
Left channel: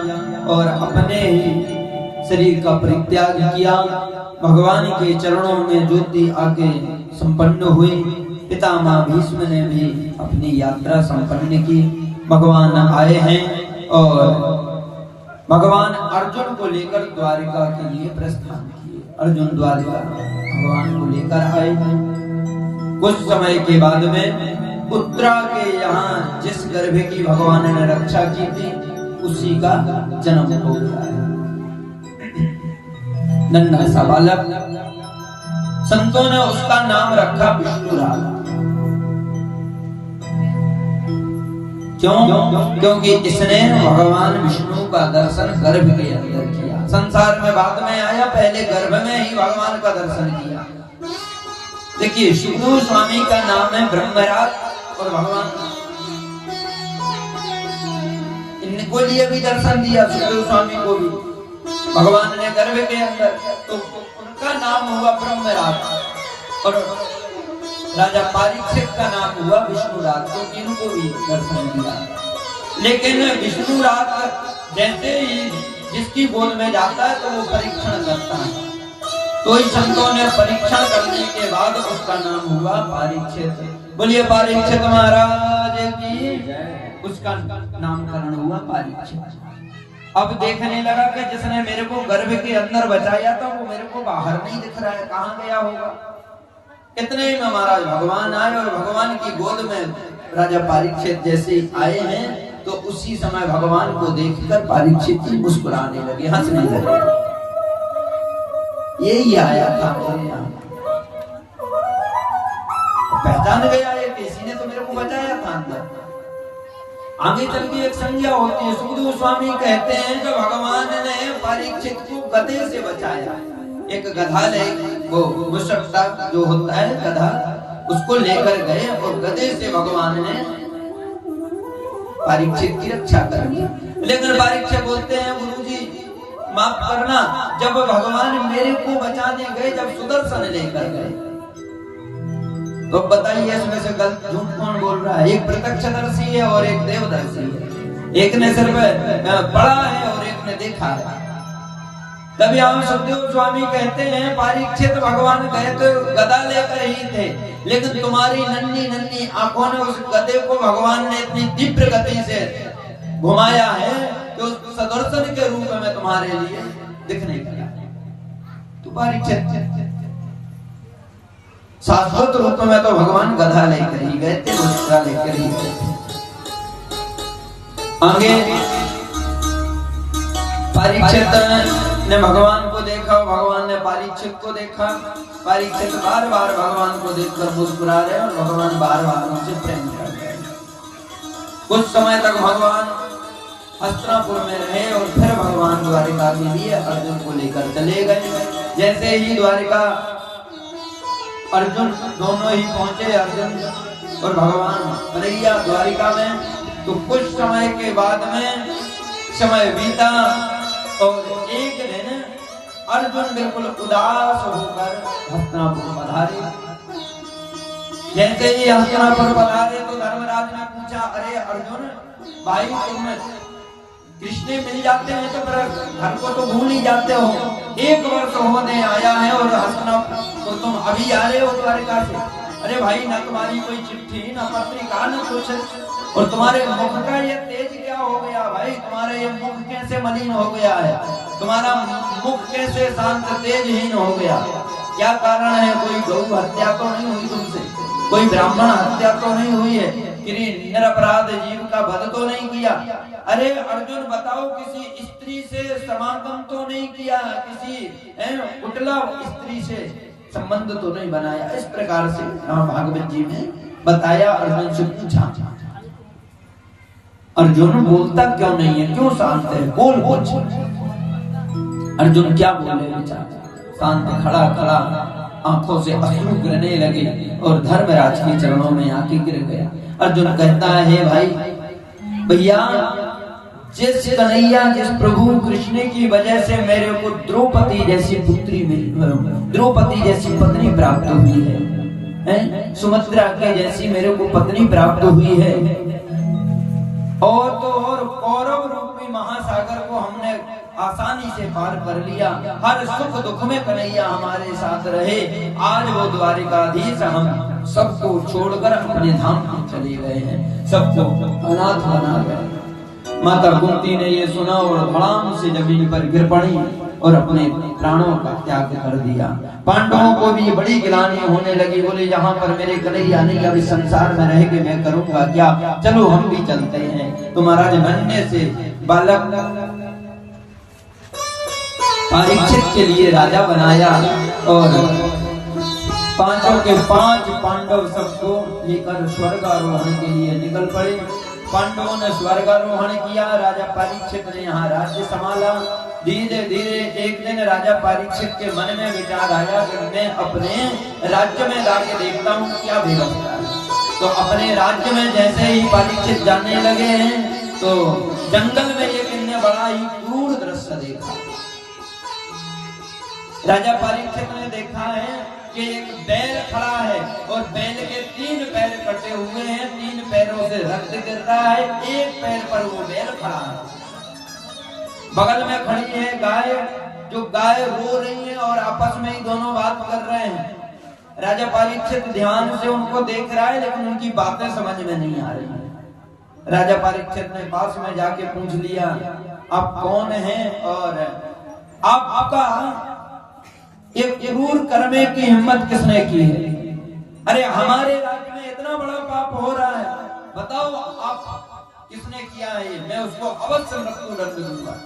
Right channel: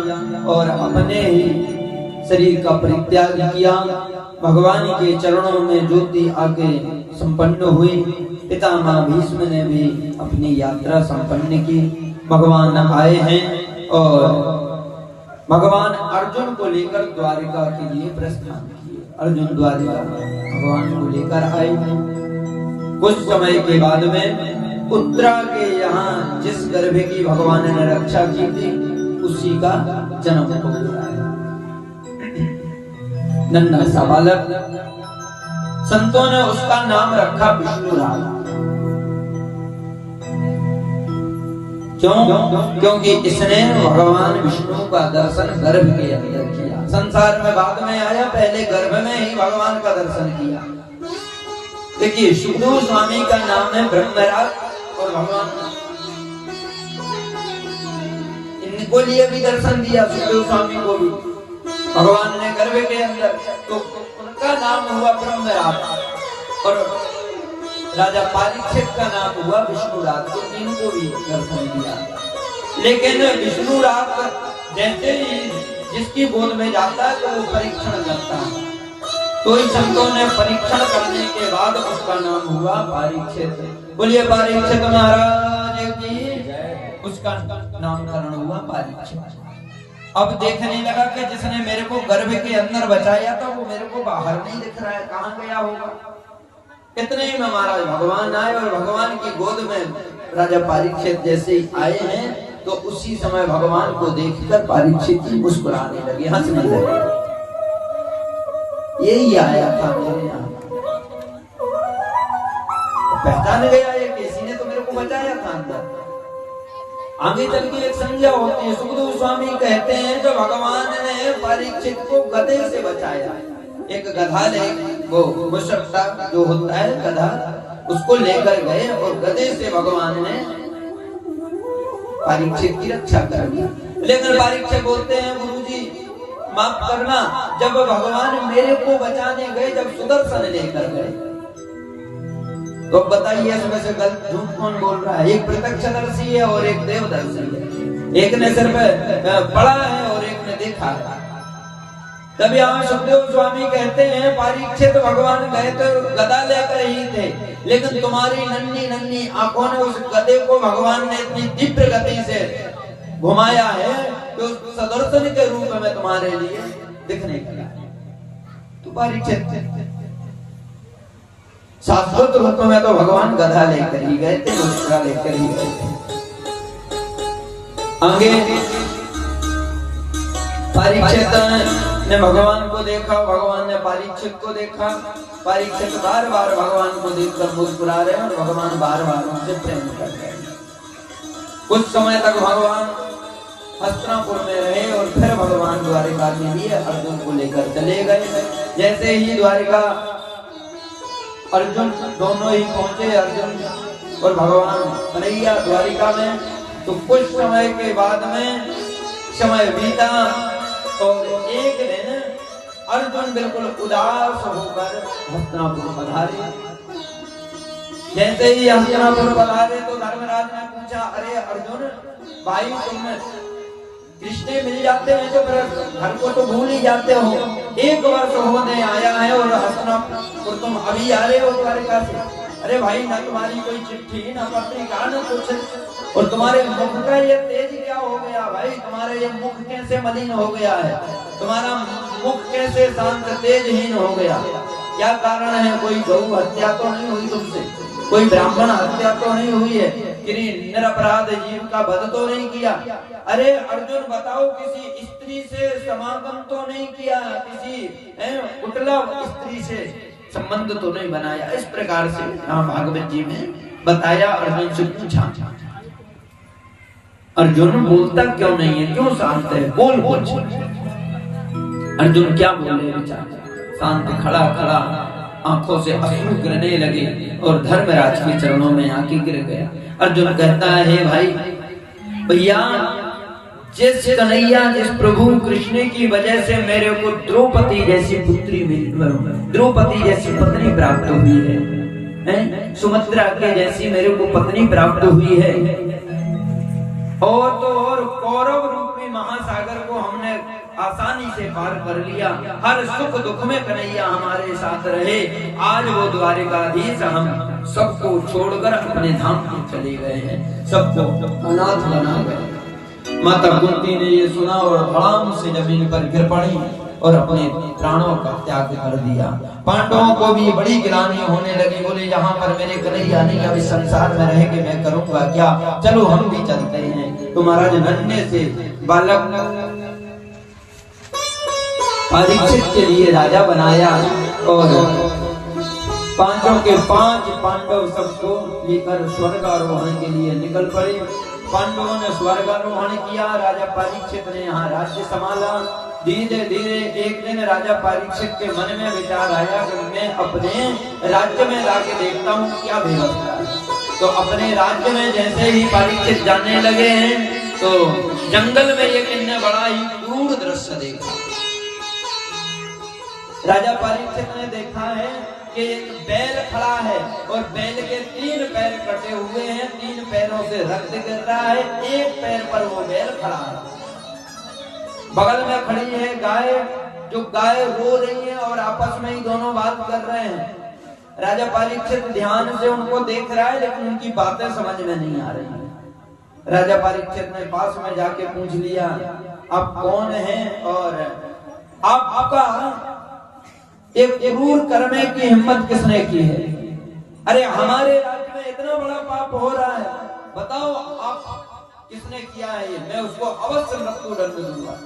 और अपने ही शरीर का परित्याग किया। भगवान के चरणों में ज्योति आके संपन्न हुई। पितामह भीष्म ने भी अपनी यात्रा संपन्न की। भगवान आए हैं और भगवान अर्जुन को लेकर द्वारिका के लिए प्रस्थान किए। अर्जुन द्वारिका भगवान को लेकर आए हैं। कुछ समय के बाद में उत्तरा के यहाँ जिस गर्भ की भगवान ने रक्षा की थी, उसी का जन्म हो गया है। नन्हा सा बालक, संतों ने उसका नाम रखा विष्णुराज। क्यों? क्योंकि इसने भगवान विष्णु का दर्शन गर्भ के अंदर किया। संसार में बाद में आया, पहले गर्भ में ही भगवान का दर्शन किया। देखिए, सुखदेव स्वामी का नाम है ब्रह्मराज और भगवान इनको लिए भी दर्शन दिया। सुखदेव स्वामी को भी भगवान ने गर्भ के अंदर, तो उनका नाम हुआ ब्रह्मराज और राजा परीक्षित का नाम हुआ विष्णुराज, तो इनको भी दर्शन दिया। लेकिन विष्णुराज जैसे ही जिसकी गोद में जाता है तो वो परीक्षण करता है, तो इस संतों ने परीक्षण करने के बाद उसका नाम हुआ परीक्षित। बोलिए परीक्षित महाराज की। उसका नामकरण हुआ परीक्षित। अब देखने लगा कि जिसने मेरे को गर्भ के अंदर बचाया था वो मेरे को बाहर नहीं दिख रहा है, कहाँ गया होगा। इतने में महाराज भगवान आए और भगवान की गोद में राजा परीक्षित जैसे ही आए हैं, तो उसी समय भगवान को देखकर परीक्षित जी मुस्कुराने लगे, हंसने लगे। यही आया था मेरे यहाँ, पहचान गया ये, किसी ने तो मेरे को बचाया था अंदर। आगे चल के एक संज्ञा होती है। सुखदेव स्वामी कहते हैं कि भगवान ने परीक्षित को गधे से बचाया। एक गधा ले, वो मुशक्का जो होता है गधा, उसको लेकर गए और गधे से भगवान ने परीक्षित की रक्षा कर दी। लेकिन परीक्षित बोलते हैं, गुरुजी माफ करना, जब भगवान मेरे को बचाने गए, जब सुदर्शन लेकर गए तो अब बताइए इसमें से गलत झूठ कौन बोल रहा है? एक प्रत्यक्षदर्शी है और एक देवदर्शी है। एक ने सिर्फ पढ़ा है और एक ने देखा है। तभी हम सुखदेव स्वामी कहते हैं परीक्षित भगवान गए तो गदा लेकर ही थे, लेकिन तुम्हारी नन्ही नन्ही आंखों ने उस गधे को भगवान ने इतनी तीव्र गति से घुमाया है कि उस सदर्शन के रूप में तुम्हारे लिए दिखने लगा। तो परीक्षित शाश्वत रूप में तो भगवान गधा लेकर ही गए थे, उसका लेकर ही गए थे। आगे परीक्षित ने भगवान को देखा, भगवान ने परीक्षित को देखा। परीक्षित बार बार भगवान को देखकर मुस्कुरा रहे और भगवान बार बार उनसे प्रेम कर रहे। कुछ समय तक भगवान हस्तिनापुर में रहे और फिर भगवान द्वारिका के लिए अर्जुन को लेकर चले गए। जैसे ही द्वारिका अर्जुन दोनों ही पहुंचे, अर्जुन और भगवान कन्हैया द्वारिका में, तो कुछ समय के बाद में समय बीता और एक दिन अर्जुन बिल्कुल उदास होकर हस्तिनापुर पधारे। जैसे ही हस्तिनापुर पधारे तो धर्मराज ने पूछा, अरे अर्जुन भाई तुम कृष्ण मिल जाते हैं तो फिर घर को तो भूल ही जाते हो। 1 वर्ष होने आया है और हस्तिनापुर तो तुम अभी आ रहे हो द्वारिका से। अरे भाई ना तुम्हारी कोई चिट्ठी ना पत्रिका ना कुछ, और तुम्हारे मुख का ये तेज क्या हो गया भाई? तुम्हारा ये मुख कैसे मलिन हो गया है? तुम्हारा मुख कैसे शांत तेजहीन हो गया? क्या कारण है? कोई गौ हत्या तो नहीं हुई तुमसे? कोई ब्राह्मण हत्या तो नहीं हुई है? किसी निरपराध जीव का वध तो नहीं किया? अरे अर्जुन बताओ, किसी स्त्री से समागम तो नहीं किया? किसी कुटिला स्त्री से संबंध तो नहीं बनाया? इस प्रकार से राम भागवत जी में बताया। अर्जुन से पूछा, अर्जुन बोलता क्यों नहीं है? क्यों शांत है? बोल बोल। अर्जुन क्या बोले बेचारा? शांत खड़ा खड़ा आंखों से अश्रु गिरने लगे और धर्मराज के चरणों में आके गिर गया। अर्जुन कहता है, भाई भैया जिस कन्हैया जिस प्रभु कृष्ण की वजह से मेरे को द्रौपदी जैसी पुत्री मिली, द्रौपदी जैसी पत्नी प्राप्त हुई है, सुमित्रा के जैसी मेरे को पत्नी प्राप्त हुई है, और तो और कौरव रूपी महासागर को हमने आसानी से पार कर लिया। हर सुख दुख में कन्हैया हमारे साथ रहे। आज वो द्वारिकाधीश हम सबको छोड़कर अपने धाम पर चले गए हैं, सबको अनाथ बना गए। माता कुंती ने ये सुना और धड़ाम से जमीन पर गिर पड़ी और अपने प्राणों का त्याग कर दिया। पांडवों को भी बड़ी गिलानी होने लगी। बोले, यहाँ पर मेरे कन्हैया नहीं, अभी संसार में रह के मैं करूंगा क्या? चलो हम भी चलते हैं। तो महाराज नन्हे से बालक परीक्षित के लिए राजा बनाया और 5 के 5 पांडव सबको लेकर स्वर्गारोहण के लिए निकल पड़े। पांडवों ने स्वर्गारोहण किया, राजा परीक्षित ने यहाँ राज्य संभाला। धीरे धीरे एक दिन राजा परीक्षित के मन में विचार आया कि मैं अपने राज्य में जाके देखता हूँ क्या व्यवस्था है। तो अपने राज्य में जैसे ही परीक्षित जाने लगे हैं तो जंगल में एक इन्हें बड़ा ही क्रूर दृश्य देखा। राजा परीक्षित ने देखा है कि एक बैल खड़ा है और बैल के 3 पैर कटे हुए हैं, 3 पैरों से रक्त गिर रहा है, 1 पैर पर वो बैल खड़ा है। बगल में खड़ी है गाय, जो गाय रो रही है और आपस में ही दोनों बात कर रहे हैं। राजा परीक्षित ध्यान से उनको देख रहा है लेकिन उनकी बातें समझ में नहीं आ रही है। राजा परीक्षित ने पास में जाके पूछ लिया, आप कौन हैं और आपका एक क्रूर करने की हिम्मत किसने की है? अरे हमारे राज्य में इतना बड़ा पाप हो रहा है, बताओ आप किसने किया है? मैं उसको अवश्य मृत्यु दंड दूंगा।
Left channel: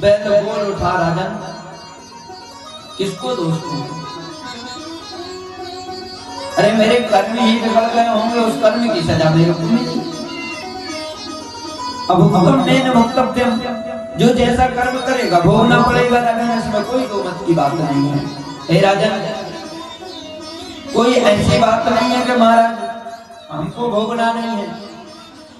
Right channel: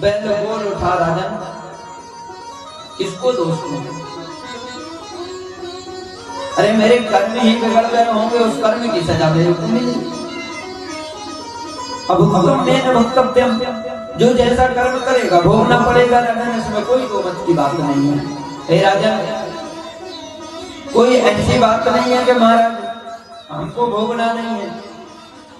बैल बोल उठा, राजन किसको दोष दूं? अरे मेरे कर्म ही बिगड़ गए होंगे, उस कर्म की सजा मेरे को मिली। अब मैंने वक्तव्य जो जैसा कर्म करेगा भोगना पड़ेगा। राजन इसमें कोई दो मत की बात नहीं है। हे राजन, कोई ऐसी बात नहीं है कि महाराज हमको भोगना नहीं है,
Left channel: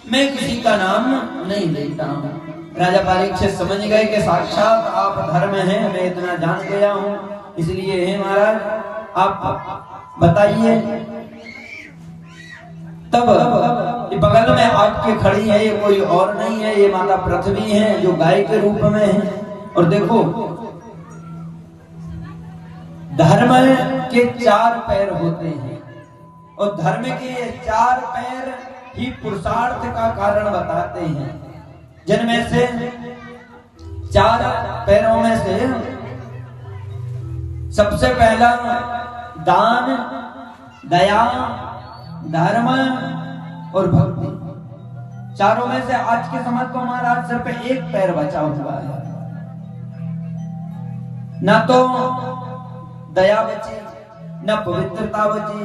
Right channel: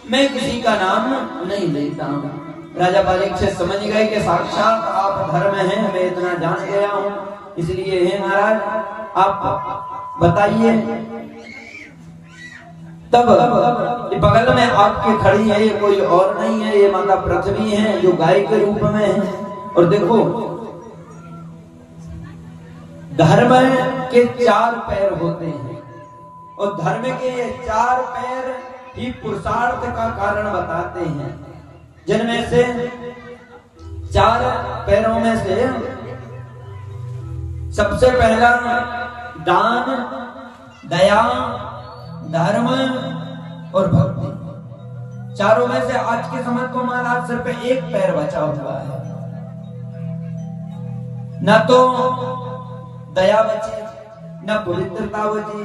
मैं किसी का नाम नहीं लेता हूँ। राजा परीक्षित समझ गए कि साक्षात आप धर्म हैं, मैं इतना जान गया हूँ, इसलिए हे महाराज आप बताइए। तब बगल में आपके खड़ी है, ये कोई और नहीं है, ये माता पृथ्वी है जो गाय के रूप में है। और देखो धर्म के 4 पैर होते हैं और धर्म के 4 पैर ही पुरुषार्थ का कारण बताते हैं। जिनमें से 4 पैरों में से सबसे पहला दान, दया, धर्म और भक्ति। चारों में से आज के समय तो हमारा सिर्फ एक पैर बचा हुआ है। न तो दया बची, न पवित्रता बची,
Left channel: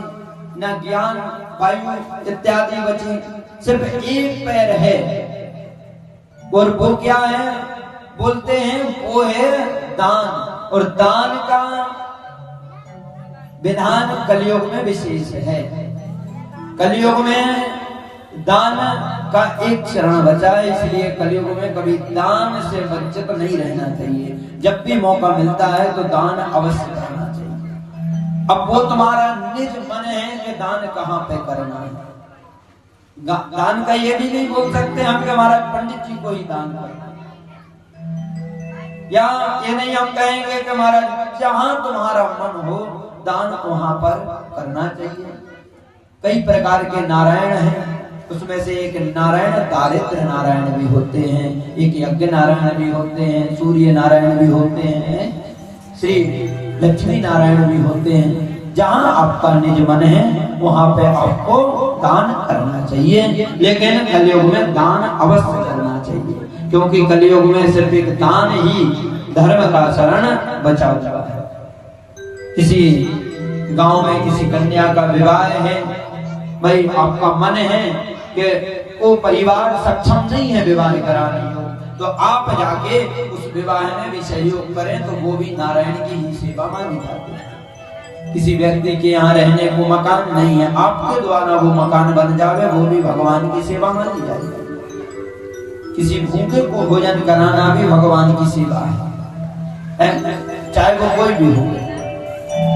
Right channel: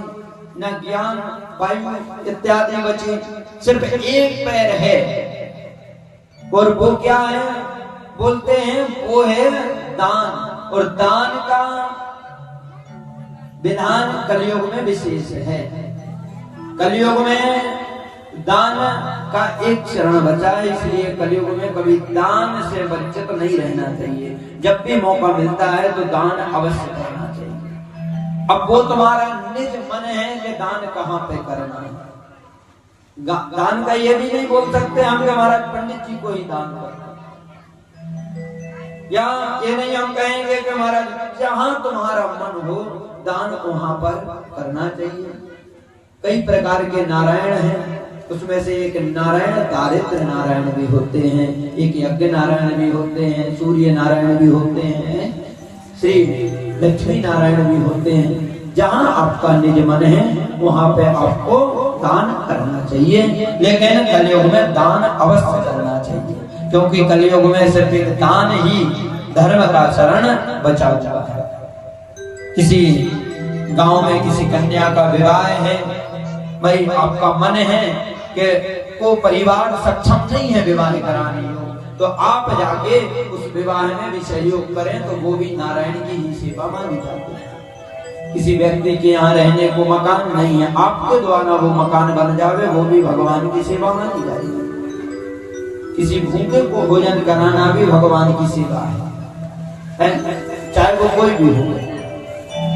न ज्ञान वायु इत्यादि बची, सिर्फ एक पैर है। और वो क्या है बोलते हैं, वो है दान। और दान का विधान कलयुग में विशेष है। कलयुग में दान का एक चरण बचा है, इसलिए कलयुग में कभी दान से वंचित नहीं रहना चाहिए। जब भी मौका मिलता है तो दान अवश्य करना चाहिए। अब वो तुम्हारा निज मन है कि दान कहाँ पे करना है। दान का ये भी नहीं बोल सकते हम कि हमारा पंडित जी को ही दान करना, या ये नहीं हम कहेंगे कि हमारा जहां तुम्हारा मन हो दान वहां पर करना चाहिए। कई प्रकार के नारायण हैं, उसमें से एक नारायण दारिद्र नारायण भी होते हैं, एक यज्ञ नारायण भी होते हैं, सूर्य नारायण भी होते हैं, श्री लक्ष्मी नारायण भी होते हैं। जहां आपका निज मन है वहां पे आपको दान करना चाहिए। लेकिन कलयुग में दान अवश्य करना चाहिए, क्योंकि कलयुग में सिर्फ एक दान ही धर्म का शरण बचा हुआ है। किसी गांव में किसी कन्या का विवाह है, भाई आपका मन है कि वो परिवार सक्षम नहीं है विवाह कराने, तो आप जाके उस विवाह में भी सहयोग करें, तो वो भी नारायण की ही सेवा मानी जाती है। किसी व्यक्ति के यहाँ रहने को मकान नहीं है, आपके द्वारा वो मकान बन जावे, वो भी भगवान की सेवा मानी जाएगी। किसी भूखे को भोजन कराना भी भगवान की सेवा है, चाहे वो कोई भी हो।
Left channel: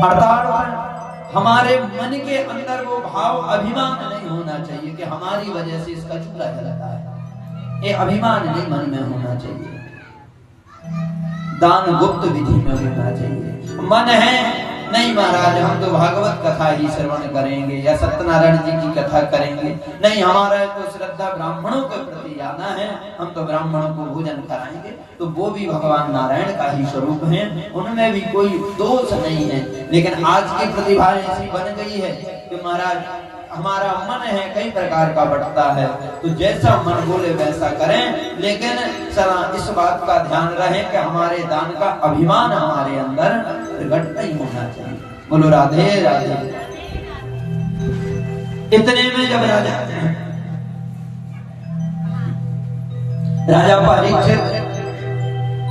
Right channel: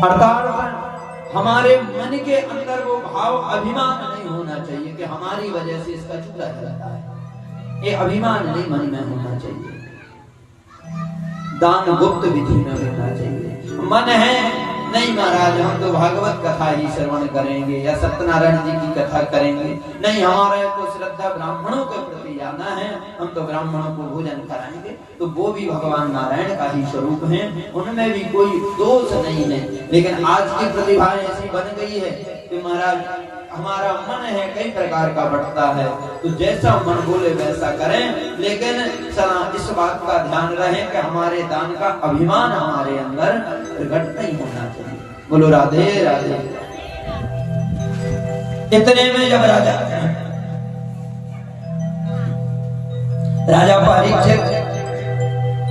अर्थात हमारे मन के अंदर वो भाव अभिमान नहीं होना चाहिए कि हमारी वजह से इसका चूल्हा जलता है, ये अभिमान नहीं मन में होना चाहिए। दान गुप्त विधि में होना चाहिए। मन है नहीं महाराज हम तो भागवत कथा ही श्रवण करेंगे या सत्यनारायण जी की कथा करेंगे, नहीं हमारा तो श्रद्धा ब्राह्मणों के प्रति जाना है, हम तो ब्राह्मणों को भोजन कराएंगे, तो वो भी भगवान नारायण का ही स्वरूप है, उनमें भी कोई दोष नहीं है। लेकिन आज की प्रतिभा ऐसी बन गई है कि महाराज हमारा मन है कई प्रकार का बढ़ता है, तो जैसा मन बोले वैसा करें, लेकिन इस बात का ध्यान रहे कि हमारे दान का अभिमान हमारे अंदर प्रकट नहीं होना चाहिए। बोलो राधे राधे। इतने में जब राजा परीक्षित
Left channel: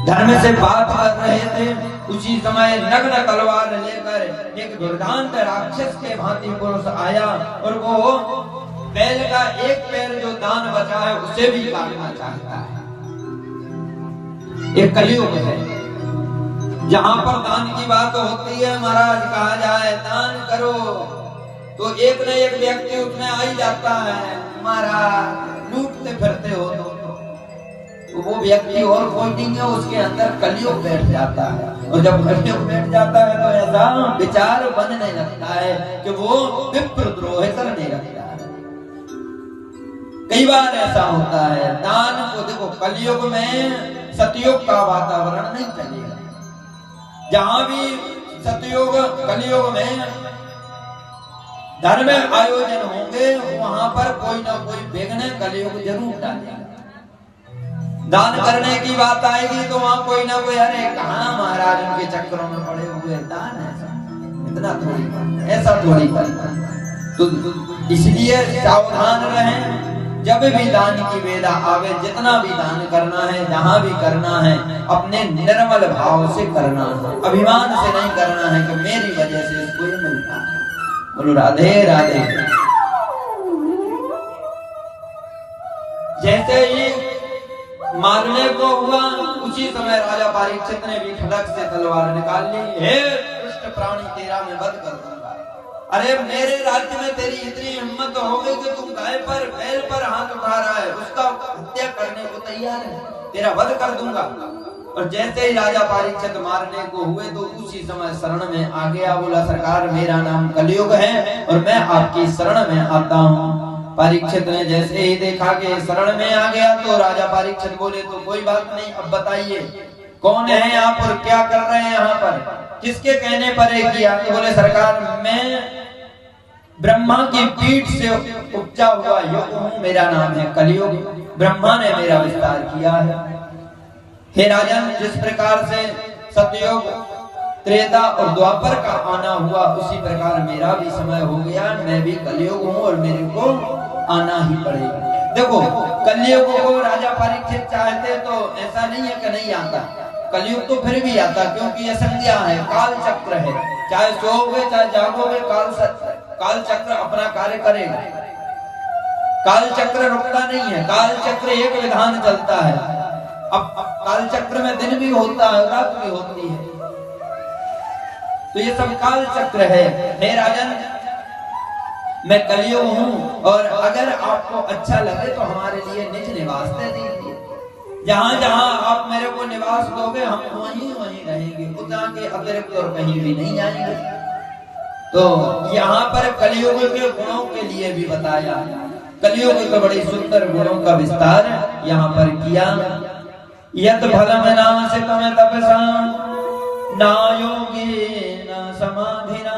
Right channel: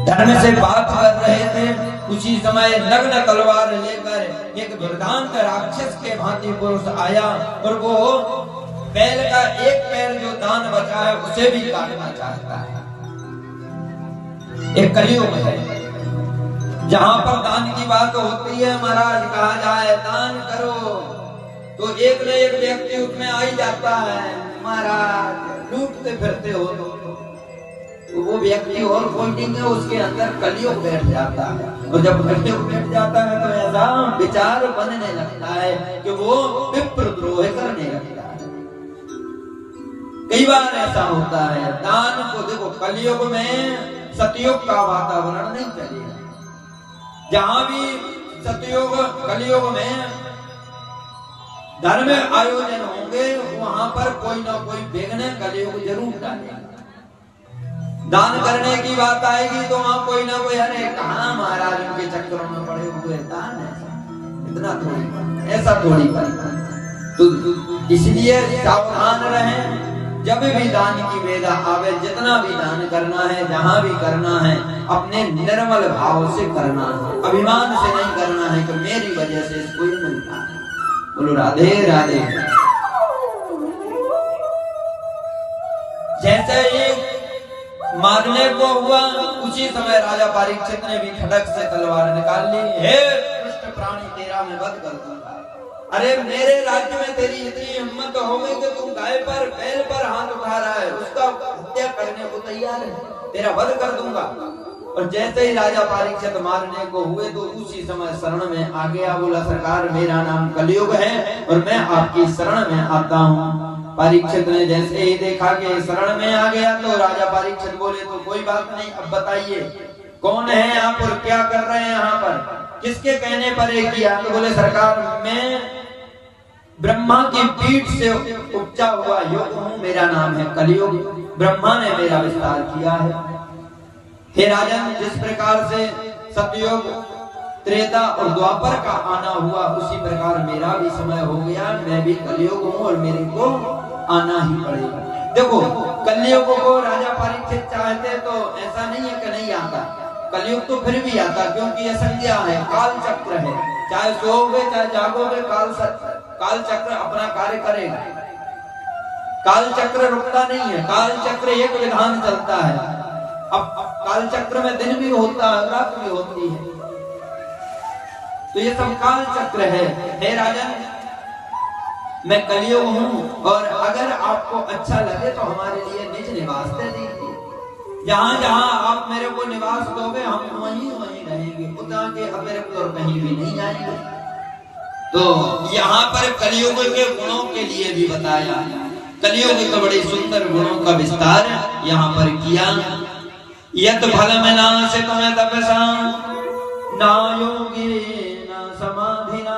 धर्म से बात कर रहे थे, उसी समय नग्न तलवार लेकर एक दुर्दांत राक्षस के भांति पुरुष आया और वो बैल का एक पैर जो दान बचा है उसे भी काटना चाहता है। एक कलयुग है जहां पर दान की बात होती है, महाराज कहा जाए दान करो तो एक न एक व्यक्ति उसमें आ ही जाता है, महाराज लूटते फिरते हो तो वो व्यक्ति और कोई नहीं है, उसके अंदर कलयुग बैठ जाता है। और जब कलयुग बैठ जाता है तो ऐसा विचार बनने लगता है कि वो विप्रद्रोह करने लगता है। कई बार ऐसा होता है। दान को देखो कलयुग में सतयुग का वातावरण नहीं चलेगा, जहां भी सतयुग कलयुग में धर्म आयोजन होंगे वहां पर कोई ना कोई विघ्न कलयुग जरूर डालेगा। दान करने की बात आएगी तो वहां कोई ना कोई, अरे कहाँ महाराज उनके चक्करों में पड़े हुए, दान है इतना थोड़ी, ऐसा थोड़ी करना। तो इसलिए सावधान रहें, जब भी दान की वेला आवे, जितना भी दान करना है, जहां भी करना है, अपने निर्मल भाव से करना है, अभिमान से नहीं करना है कि मेरी वजह से इसको मिलता है। बोलो राधे राधे। जैसे ये मारने को हुआ, उसी समय राजा परीक्षित ने भी खड़क से तलवार निकाल ली, हे दुष्ट प्राणी तेरा मैं वध कर दूंगा। अरे मेरे राज्य में तेरी इतनी हिम्मत हो गई कि तू गाय पर बैल पर हाथ उठा रहा है, उसका हत्या करने को तैयार है, तेरा वध कर दूंगा। और जैसे ही राजा परीक्षित मारने को हुए तो उसी समय शरण में आ गया, बोला सरकार मेरा नाम कलयुग है और मैं आपकी शरण में आता हूँ। परीक्षित ने जैसे ही देखा कि शरण में आ गया तो राजा परीक्षित बोले तो कोई बात नहीं, अब बताइए कौन है आप और क्या कर रहे हैं यहाँ पर, किसके कहने पर है किया? तो बोले सरकार मैं ब्रह्मा की पीठ से उपजा हुआ युग हूँ, मेरा नाम है कलयुग, ब्रह्मा ने मेरा विस्तार किया है। हे राजन, जिस प्रकार से सतयुग त्रेता और द्वापर का आना हुआ उसी प्रकार मेरा भी समय हो गया, मैं भी कलयुग हूँ और मेरे को आना ही पड़ेगा। देखो कलयुग को राजा परीक्षित चाहते तो ऐसा नहीं है कि नहीं आता, कलयुग तो फिर भी आता, क्योंकि यह संज्ञा है, काल चक्र है, चाहे सोओगे चाहे जागोगे काल चक्र अपना कार्य करेगा, काल चक्र रुकता नहीं है, काल चक्र एक विधान चलता है। अब काल चक्र में दिन भी होता है रात भी होती है, तो ये सब काल चक्र है। हे राजन, मैं कलयुग हूँ और अगर आपको अच्छा लगे तो हमारे लिए निज निवास दे दीजिए, जहां जहां आप मेरे को निवास दोगे हम वहीं वहीं रहेंगे, उतना के अतिरिक्त और कहीं भी नहीं जाएंगे। तो यहाँ पर कलयुग के गुणों के लिए भी बताया, कलयुग के बड़े सुंदर गुणों का विस्तार यहाँ पर किया। यत फलम नासितम तपसा न योगेन समाधिना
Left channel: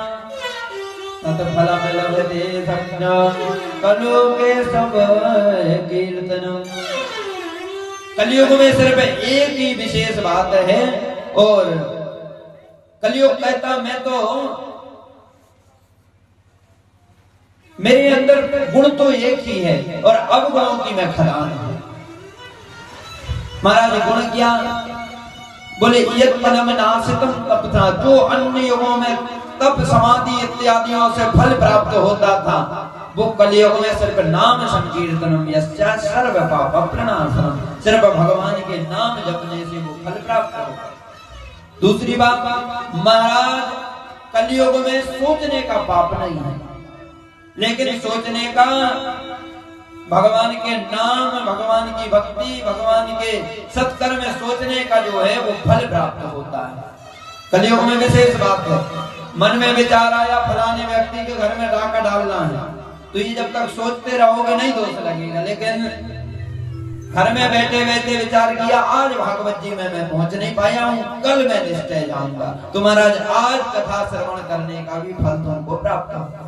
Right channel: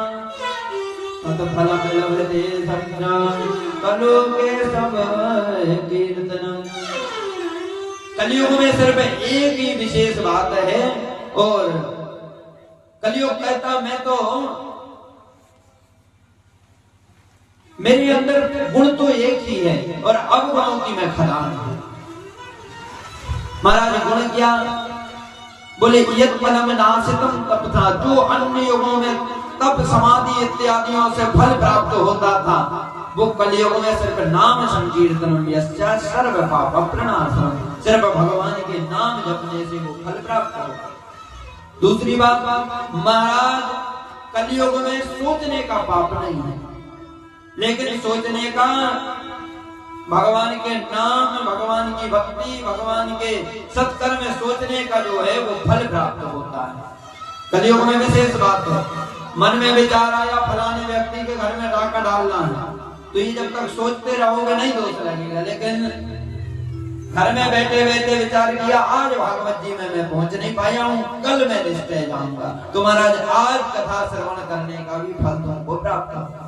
तत फलम लभते संज्ञान कलोके सब कीर्तनम। कलयुग में सिर्फ एक ही विशेष बात है, और कलयुग कहता मैं तो मेरे अंदर गुण तो एक ही है और अवगुणों की मैं खदान हूं। महाराज गुण क्या? बोले यत मनम नासितम तपसा, जो अन्य युगों में तप समाधि इत्यादियों से फल प्राप्त होता था वो कलयुग में सिर्फ नाम संकीर्तन यस्या सर्व पाप प्रणाशनम, सिर्फ भगवान के नाम जपने से वो फल प्राप्त होगा। दूसरी बात, महाराज कलयुग में सोचने का पाप नहीं है, लेकिन सोचने का भगवान के नाम, भगवान की भक्ति, भगवान के सत्कर्म में सोचने का जो है वो फल प्राप्त होता है। कलयुग में विशेष बात है, मन में विचार आया फलाने व्यक्ति के घर में राका डालना है, तो ये जब तक सोचते रहोगे नहीं दोष लगेगा, लेकिन घर में बैठे बैठे विचार किया आज भागवत जी में मैं पहुंच नहीं पाया हूँ, कल मैं निश्चय जाऊंगा, तो महाराज आज कथा श्रवण करने का भी फल तुमको प्राप्त होगा।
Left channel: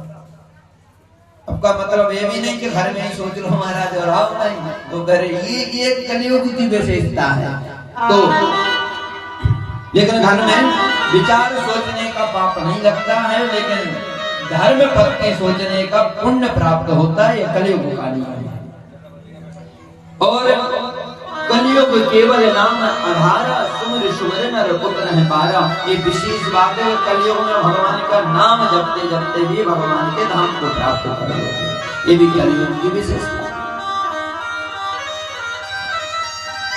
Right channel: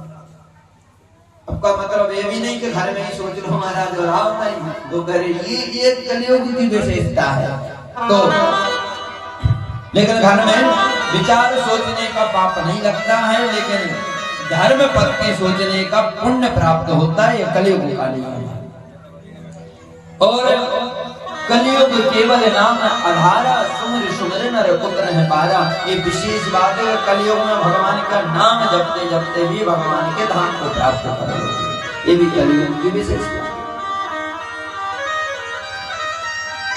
आपका मतलब ये भी नहीं कि घर में ही सोच लो महाराज और आओ नहीं, तो घर ये कलयुग की विशेषता है। तो लेकिन घर में विचार सोचने का पाप नहीं लगता है, लेकिन धर्म भक्ति सोचने का पुण्य प्राप्त होता है, ये कलयुग का नियम है। और कलयुग केवल नाम आधारा, सुमर सुमर नर पुत्र है पारा, ये विशेष बात है। कलयुग में भगवान का नाम जपते जपते भी भगवान के धाम को प्राप्त करोगे, ये भी कलयुग की विशेषता।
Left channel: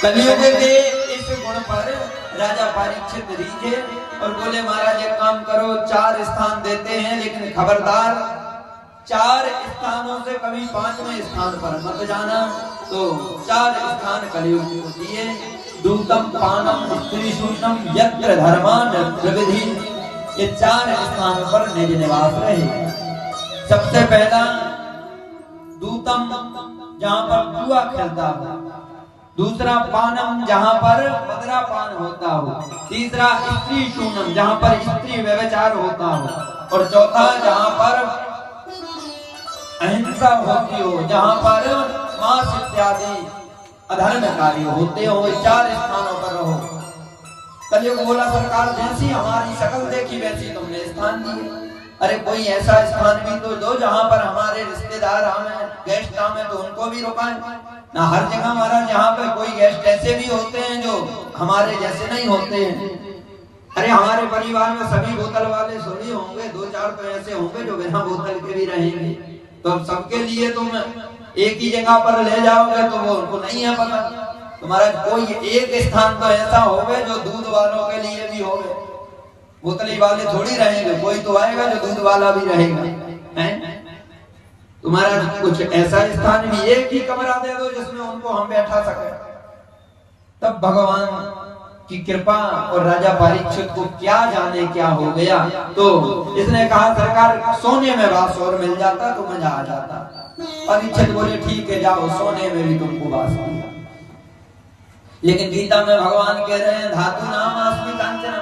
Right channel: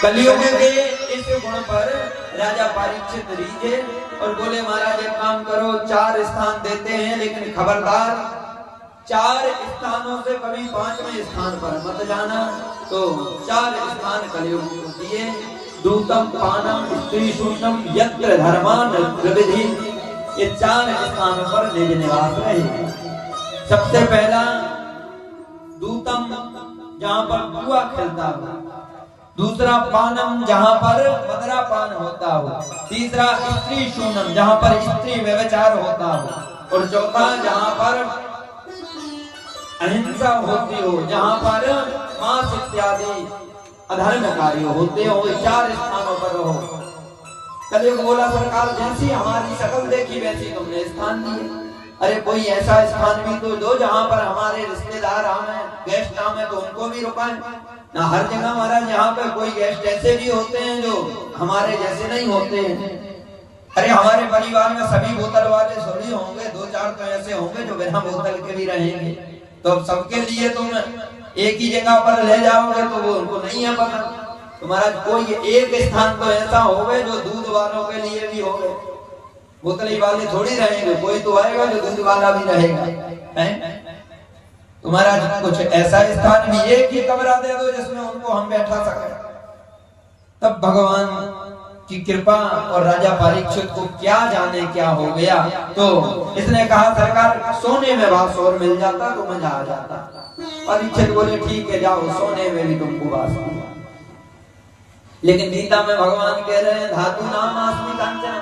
कलयुग के इस गुण पर राजा परीक्षित रीझे और बोले महाराज एक काम करो, 4 स्थान देते हैं, लेकिन खबरदार 4 स्थानों से कभी 5वें स्थान पर मत जाना। तो 4 स्थान कलयुग को दिए, दूतम पानम स्त्री शून्यम यत्र धर्मान प्रविधि, ये 4 स्थान पर निज निवास रहे। सबसे पहला दूतम, जहां पर जुआ खेलता हो, दूसरा पानम, जहां पर मदरा पान होता हो, तीसरा स्त्री शून्यम, जहां पर स्त्री व्यभिचार होता हो, और चौथा जहां पर अहिंसा होती हो, जहां पर मांस इत्यादि अधर्म कार्य होते हो, 4 स्थानों पर रहो। कलयुग बोला सरकार जैसी हमारी शकल देखी वैसी तुमने स्थान दिए, अरे कोई ऐसा स्थान भी तो दो जहां पर हमारे रिश्तेदार आए, गेस्ट आए तो उनको भी रुकाएं ना। हर जगह महाराज यहाँ पे कोई गेस्ट ऐसे भी होते हैं जो हमारे जैसे नहीं होते हैं। अरे हमारे परिवार में सभी बोतल वाले थोड़ी होंगे, 2-4 तो ऐसे होंगे जो बिना बोतल के भी रहेंगे। तो अब सबके लिए तुम एक ही जगह पर ले जाओगे तो वो उनको नहीं है पता। तो महाराज कोई एक स्थान तो ऐसा होवे जो दूध वालों के लिए भी होवे, बोतली वाले थोड़ी रहेंगे, कोई तो आएगा जो दूध वाला भी रहेगा, हैं? तुम्हारा कुछ ऐसा स्थान भी, एक ही कमरा दे दो जिसमें उनको हम बैठा सके। तब भगवान की कृपा और राजा परीक्षित को क्या जाने क्या हो गया, तो इसने कहा सरकार सोने में वास मिल जाता तो मजा आ जाता। परीक्षित बोले ठीक है जाओ, सोने में भी तुमको वास मिला। लेकिन गीता में भगवान कह रहे हैं धातु नाम अस्मि कांचन,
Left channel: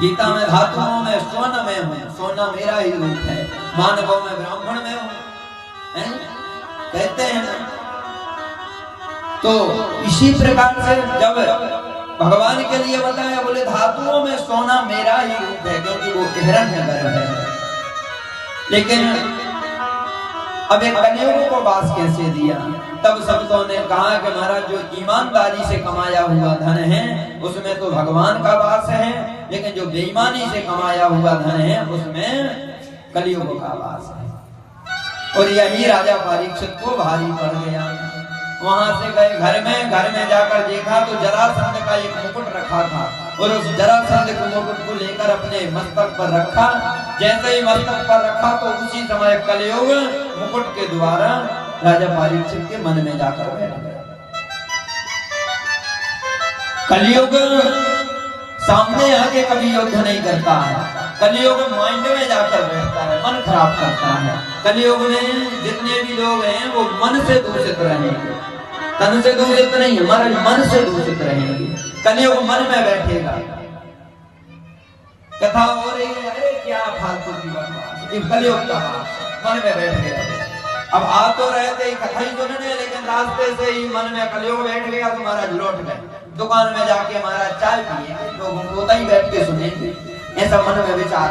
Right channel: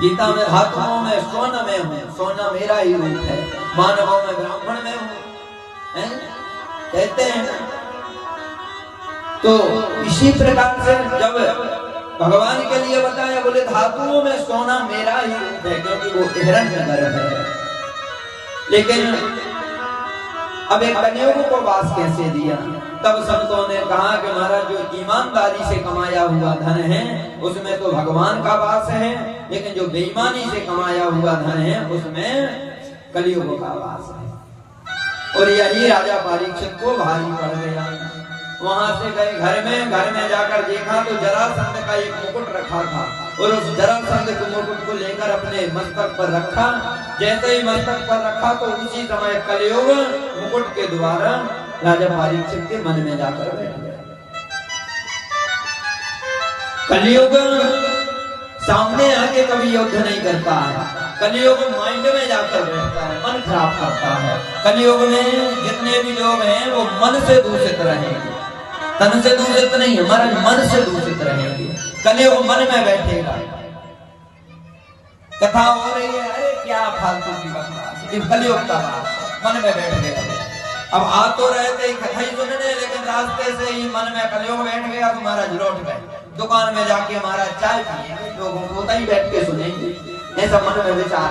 गीता में धातुओं में स्वर्ण में हूँ, सोना मेरा ही रूप है, मानवों में ब्राह्मण में हूँ, कहते हैं। तो इसी प्रकार से जब भगवान के लिए बताया, बोले धातुओं में सोना मेरा ही रूप है, क्योंकि वो हिरण्यगर्भ है। लेकिन अब एक कन्याओं को वास कैसे दिया? तब संतों ने कहा कि महाराज जो ईमानदारी से कमाया हुआ धन है उसमें तो भगवान का वास है, लेकिन जो बेईमानी से कमाया हुआ धन है उसमें कलियुग का वास है। और यही राजा परीक्षित को भारी पड़ गया। वहां से गए घर में जाकर देखा तो जरासंध का एक मुकुट रखा था, और उस जरासंध के मुकुट को लेकर अपने मस्तक पर रखा। जैसे ही मस्तक पर रखा तो उसी समय कलियुग मुकुट के द्वारा राजा परीक्षित के मन में जाकर बैठ गया। कलियुग सामने आके कभी युद्ध नहीं करता है, कलियुग माइंड में जाकर बैठता है, मन खराब करता है। कलियुग में जितने भी लोग हैं वो मन से दूषित रहेंगे, तन से दूषित नहीं, हमारे मन से दूषित रहेंगे। कलियुग मन में बैठेगा। कथा हो रही है, अरे क्या फालतू की बात, कलियुग का मन में बैठ गया। अब आ तो रहे थे कथा ही सुनने, लेकिन रास्ते से ही मन में कलियुग बैठ गया तो महाराज लौट गए। दुकान में जाके महाराज चाय पिएंगे, लोगों को ही बैठ के सुनेंगे, ऐसा मन में विचार।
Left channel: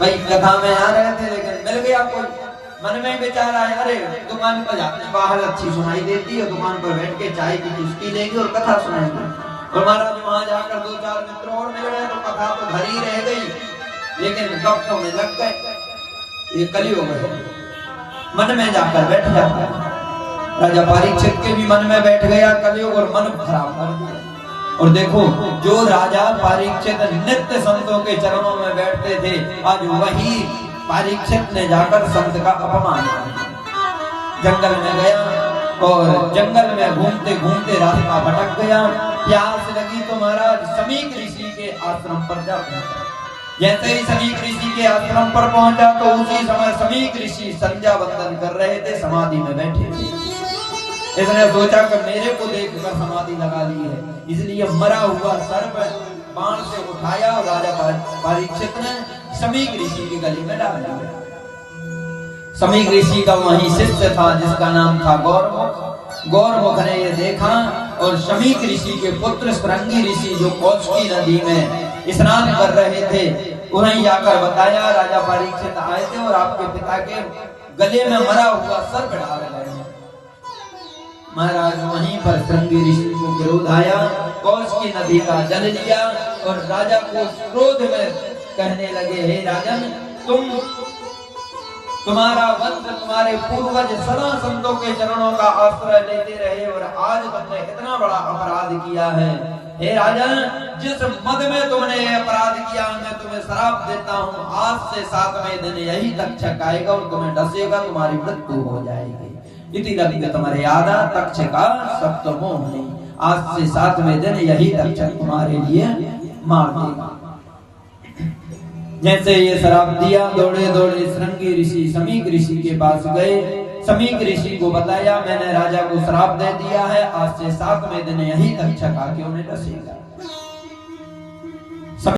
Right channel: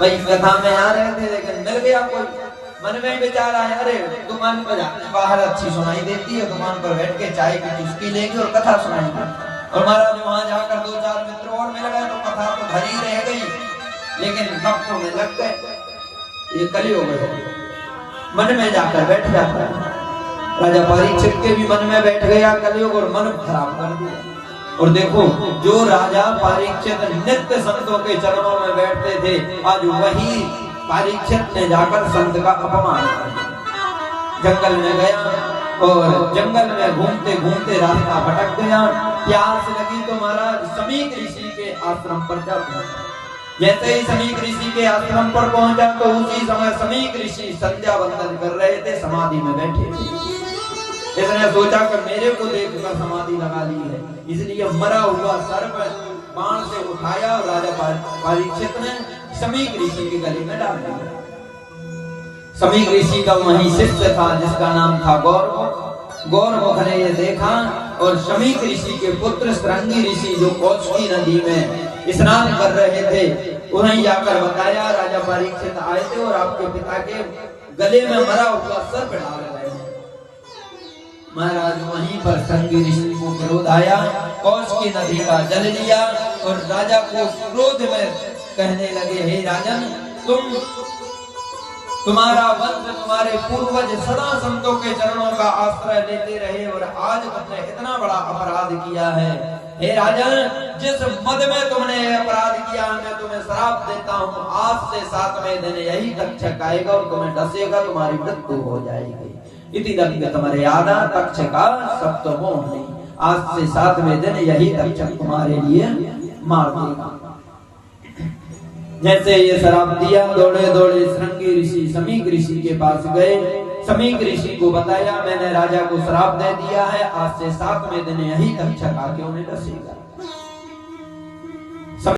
भाई कथा में आ रहे थे लेकिन मिल गया कोई, मन में विचार आया अरे दुकान पर जाते, बाहर अच्छी सुनाई देती है, दुकान पर बैठ के चाय की चुस्की लेंगे और कथा सुनाएंगे। और महाराज वहां जाकर 2-4 मित्र और मिल गए तो कथा तो भरी रह गई, लेकिन गप्पों में लग गए। ये कलियुग है, मन में जाकर बैठ जाता है। राजा परीक्षित के भी मन में बैठ गया कलियुग और मन खराब कर दिया। और देखो जो राजा परीक्षित नित्य संतों के चरणों में बैठते थे, आज वही परीक्षित ने जाकर संत का अपमान कर दिया। जंगल में गया और जंगल में घूमते घूमते रास्ता भटक गया। प्यास लगी तो महाराज समीक ऋषि के आश्रम पर जा पहुंचा। जैसे ही समीक ऋषि के आश्रम पर पहुंचा तो उसी समय समीक ऋषि संध्या वंदन कर रहे थे, समाधि में बैठे थे। इसने सोचा कि मेरे को देखकर समाधि लगा ली है, इसलिए मरा हुआ सर्प बाण से उठाया और राजा परीक्षित ने समीक ऋषि के गले में डाल दिया। समीक ऋषि का वही शिष्य था जिसका नाम था गौरमुख। गौरमुख ने यह देखा और समीक ऋषि के पुत्र श्रृंगी ऋषि जो कौशिकी नदी में स्नान कर रहे थे, उन्हें जाकर बताया राजा परीक्षित आए थे और आपके पिता के गले में मरा हुआ सर्प डाल रहे हैं। महाराज वहीं पर श्रृंगी ऋषि को क्रोध आया, कौशिकी नदी का जल लिया और राजा को क्रोध में कहने लगे, हे राजन, तुम्हारा वंश, तुम्हारे पूर्वज सदा संतों के चरणों का आश्रय लेते रहे और आज तुमने इतना बड़ा अपराध किया है। हे राजन, जिस मद में तुमने अपराध किया मैं तुम्हें श्राप देता हूँ, आज से 7वें दिन यही तक्षक आएगा और तुम्हें डसेगा, तुम्हारी मृत्यु हो जाएगी। इति गति तुम्हारे यादा तक्षका सप्तमोहि, आज से 7वें दिन यही तक्षक तुम्हारे लिए मार देगा। जैसे ये श्राप दिया, दौड़े दौड़े श्रृंगी ऋषि समीक ऋषि के पास गए। समीक ऋषि को बताया मैंने राजा को श्राप दे दिया है, आज से 7वें दिन यही तक्षक आके उन्हें डसेगा।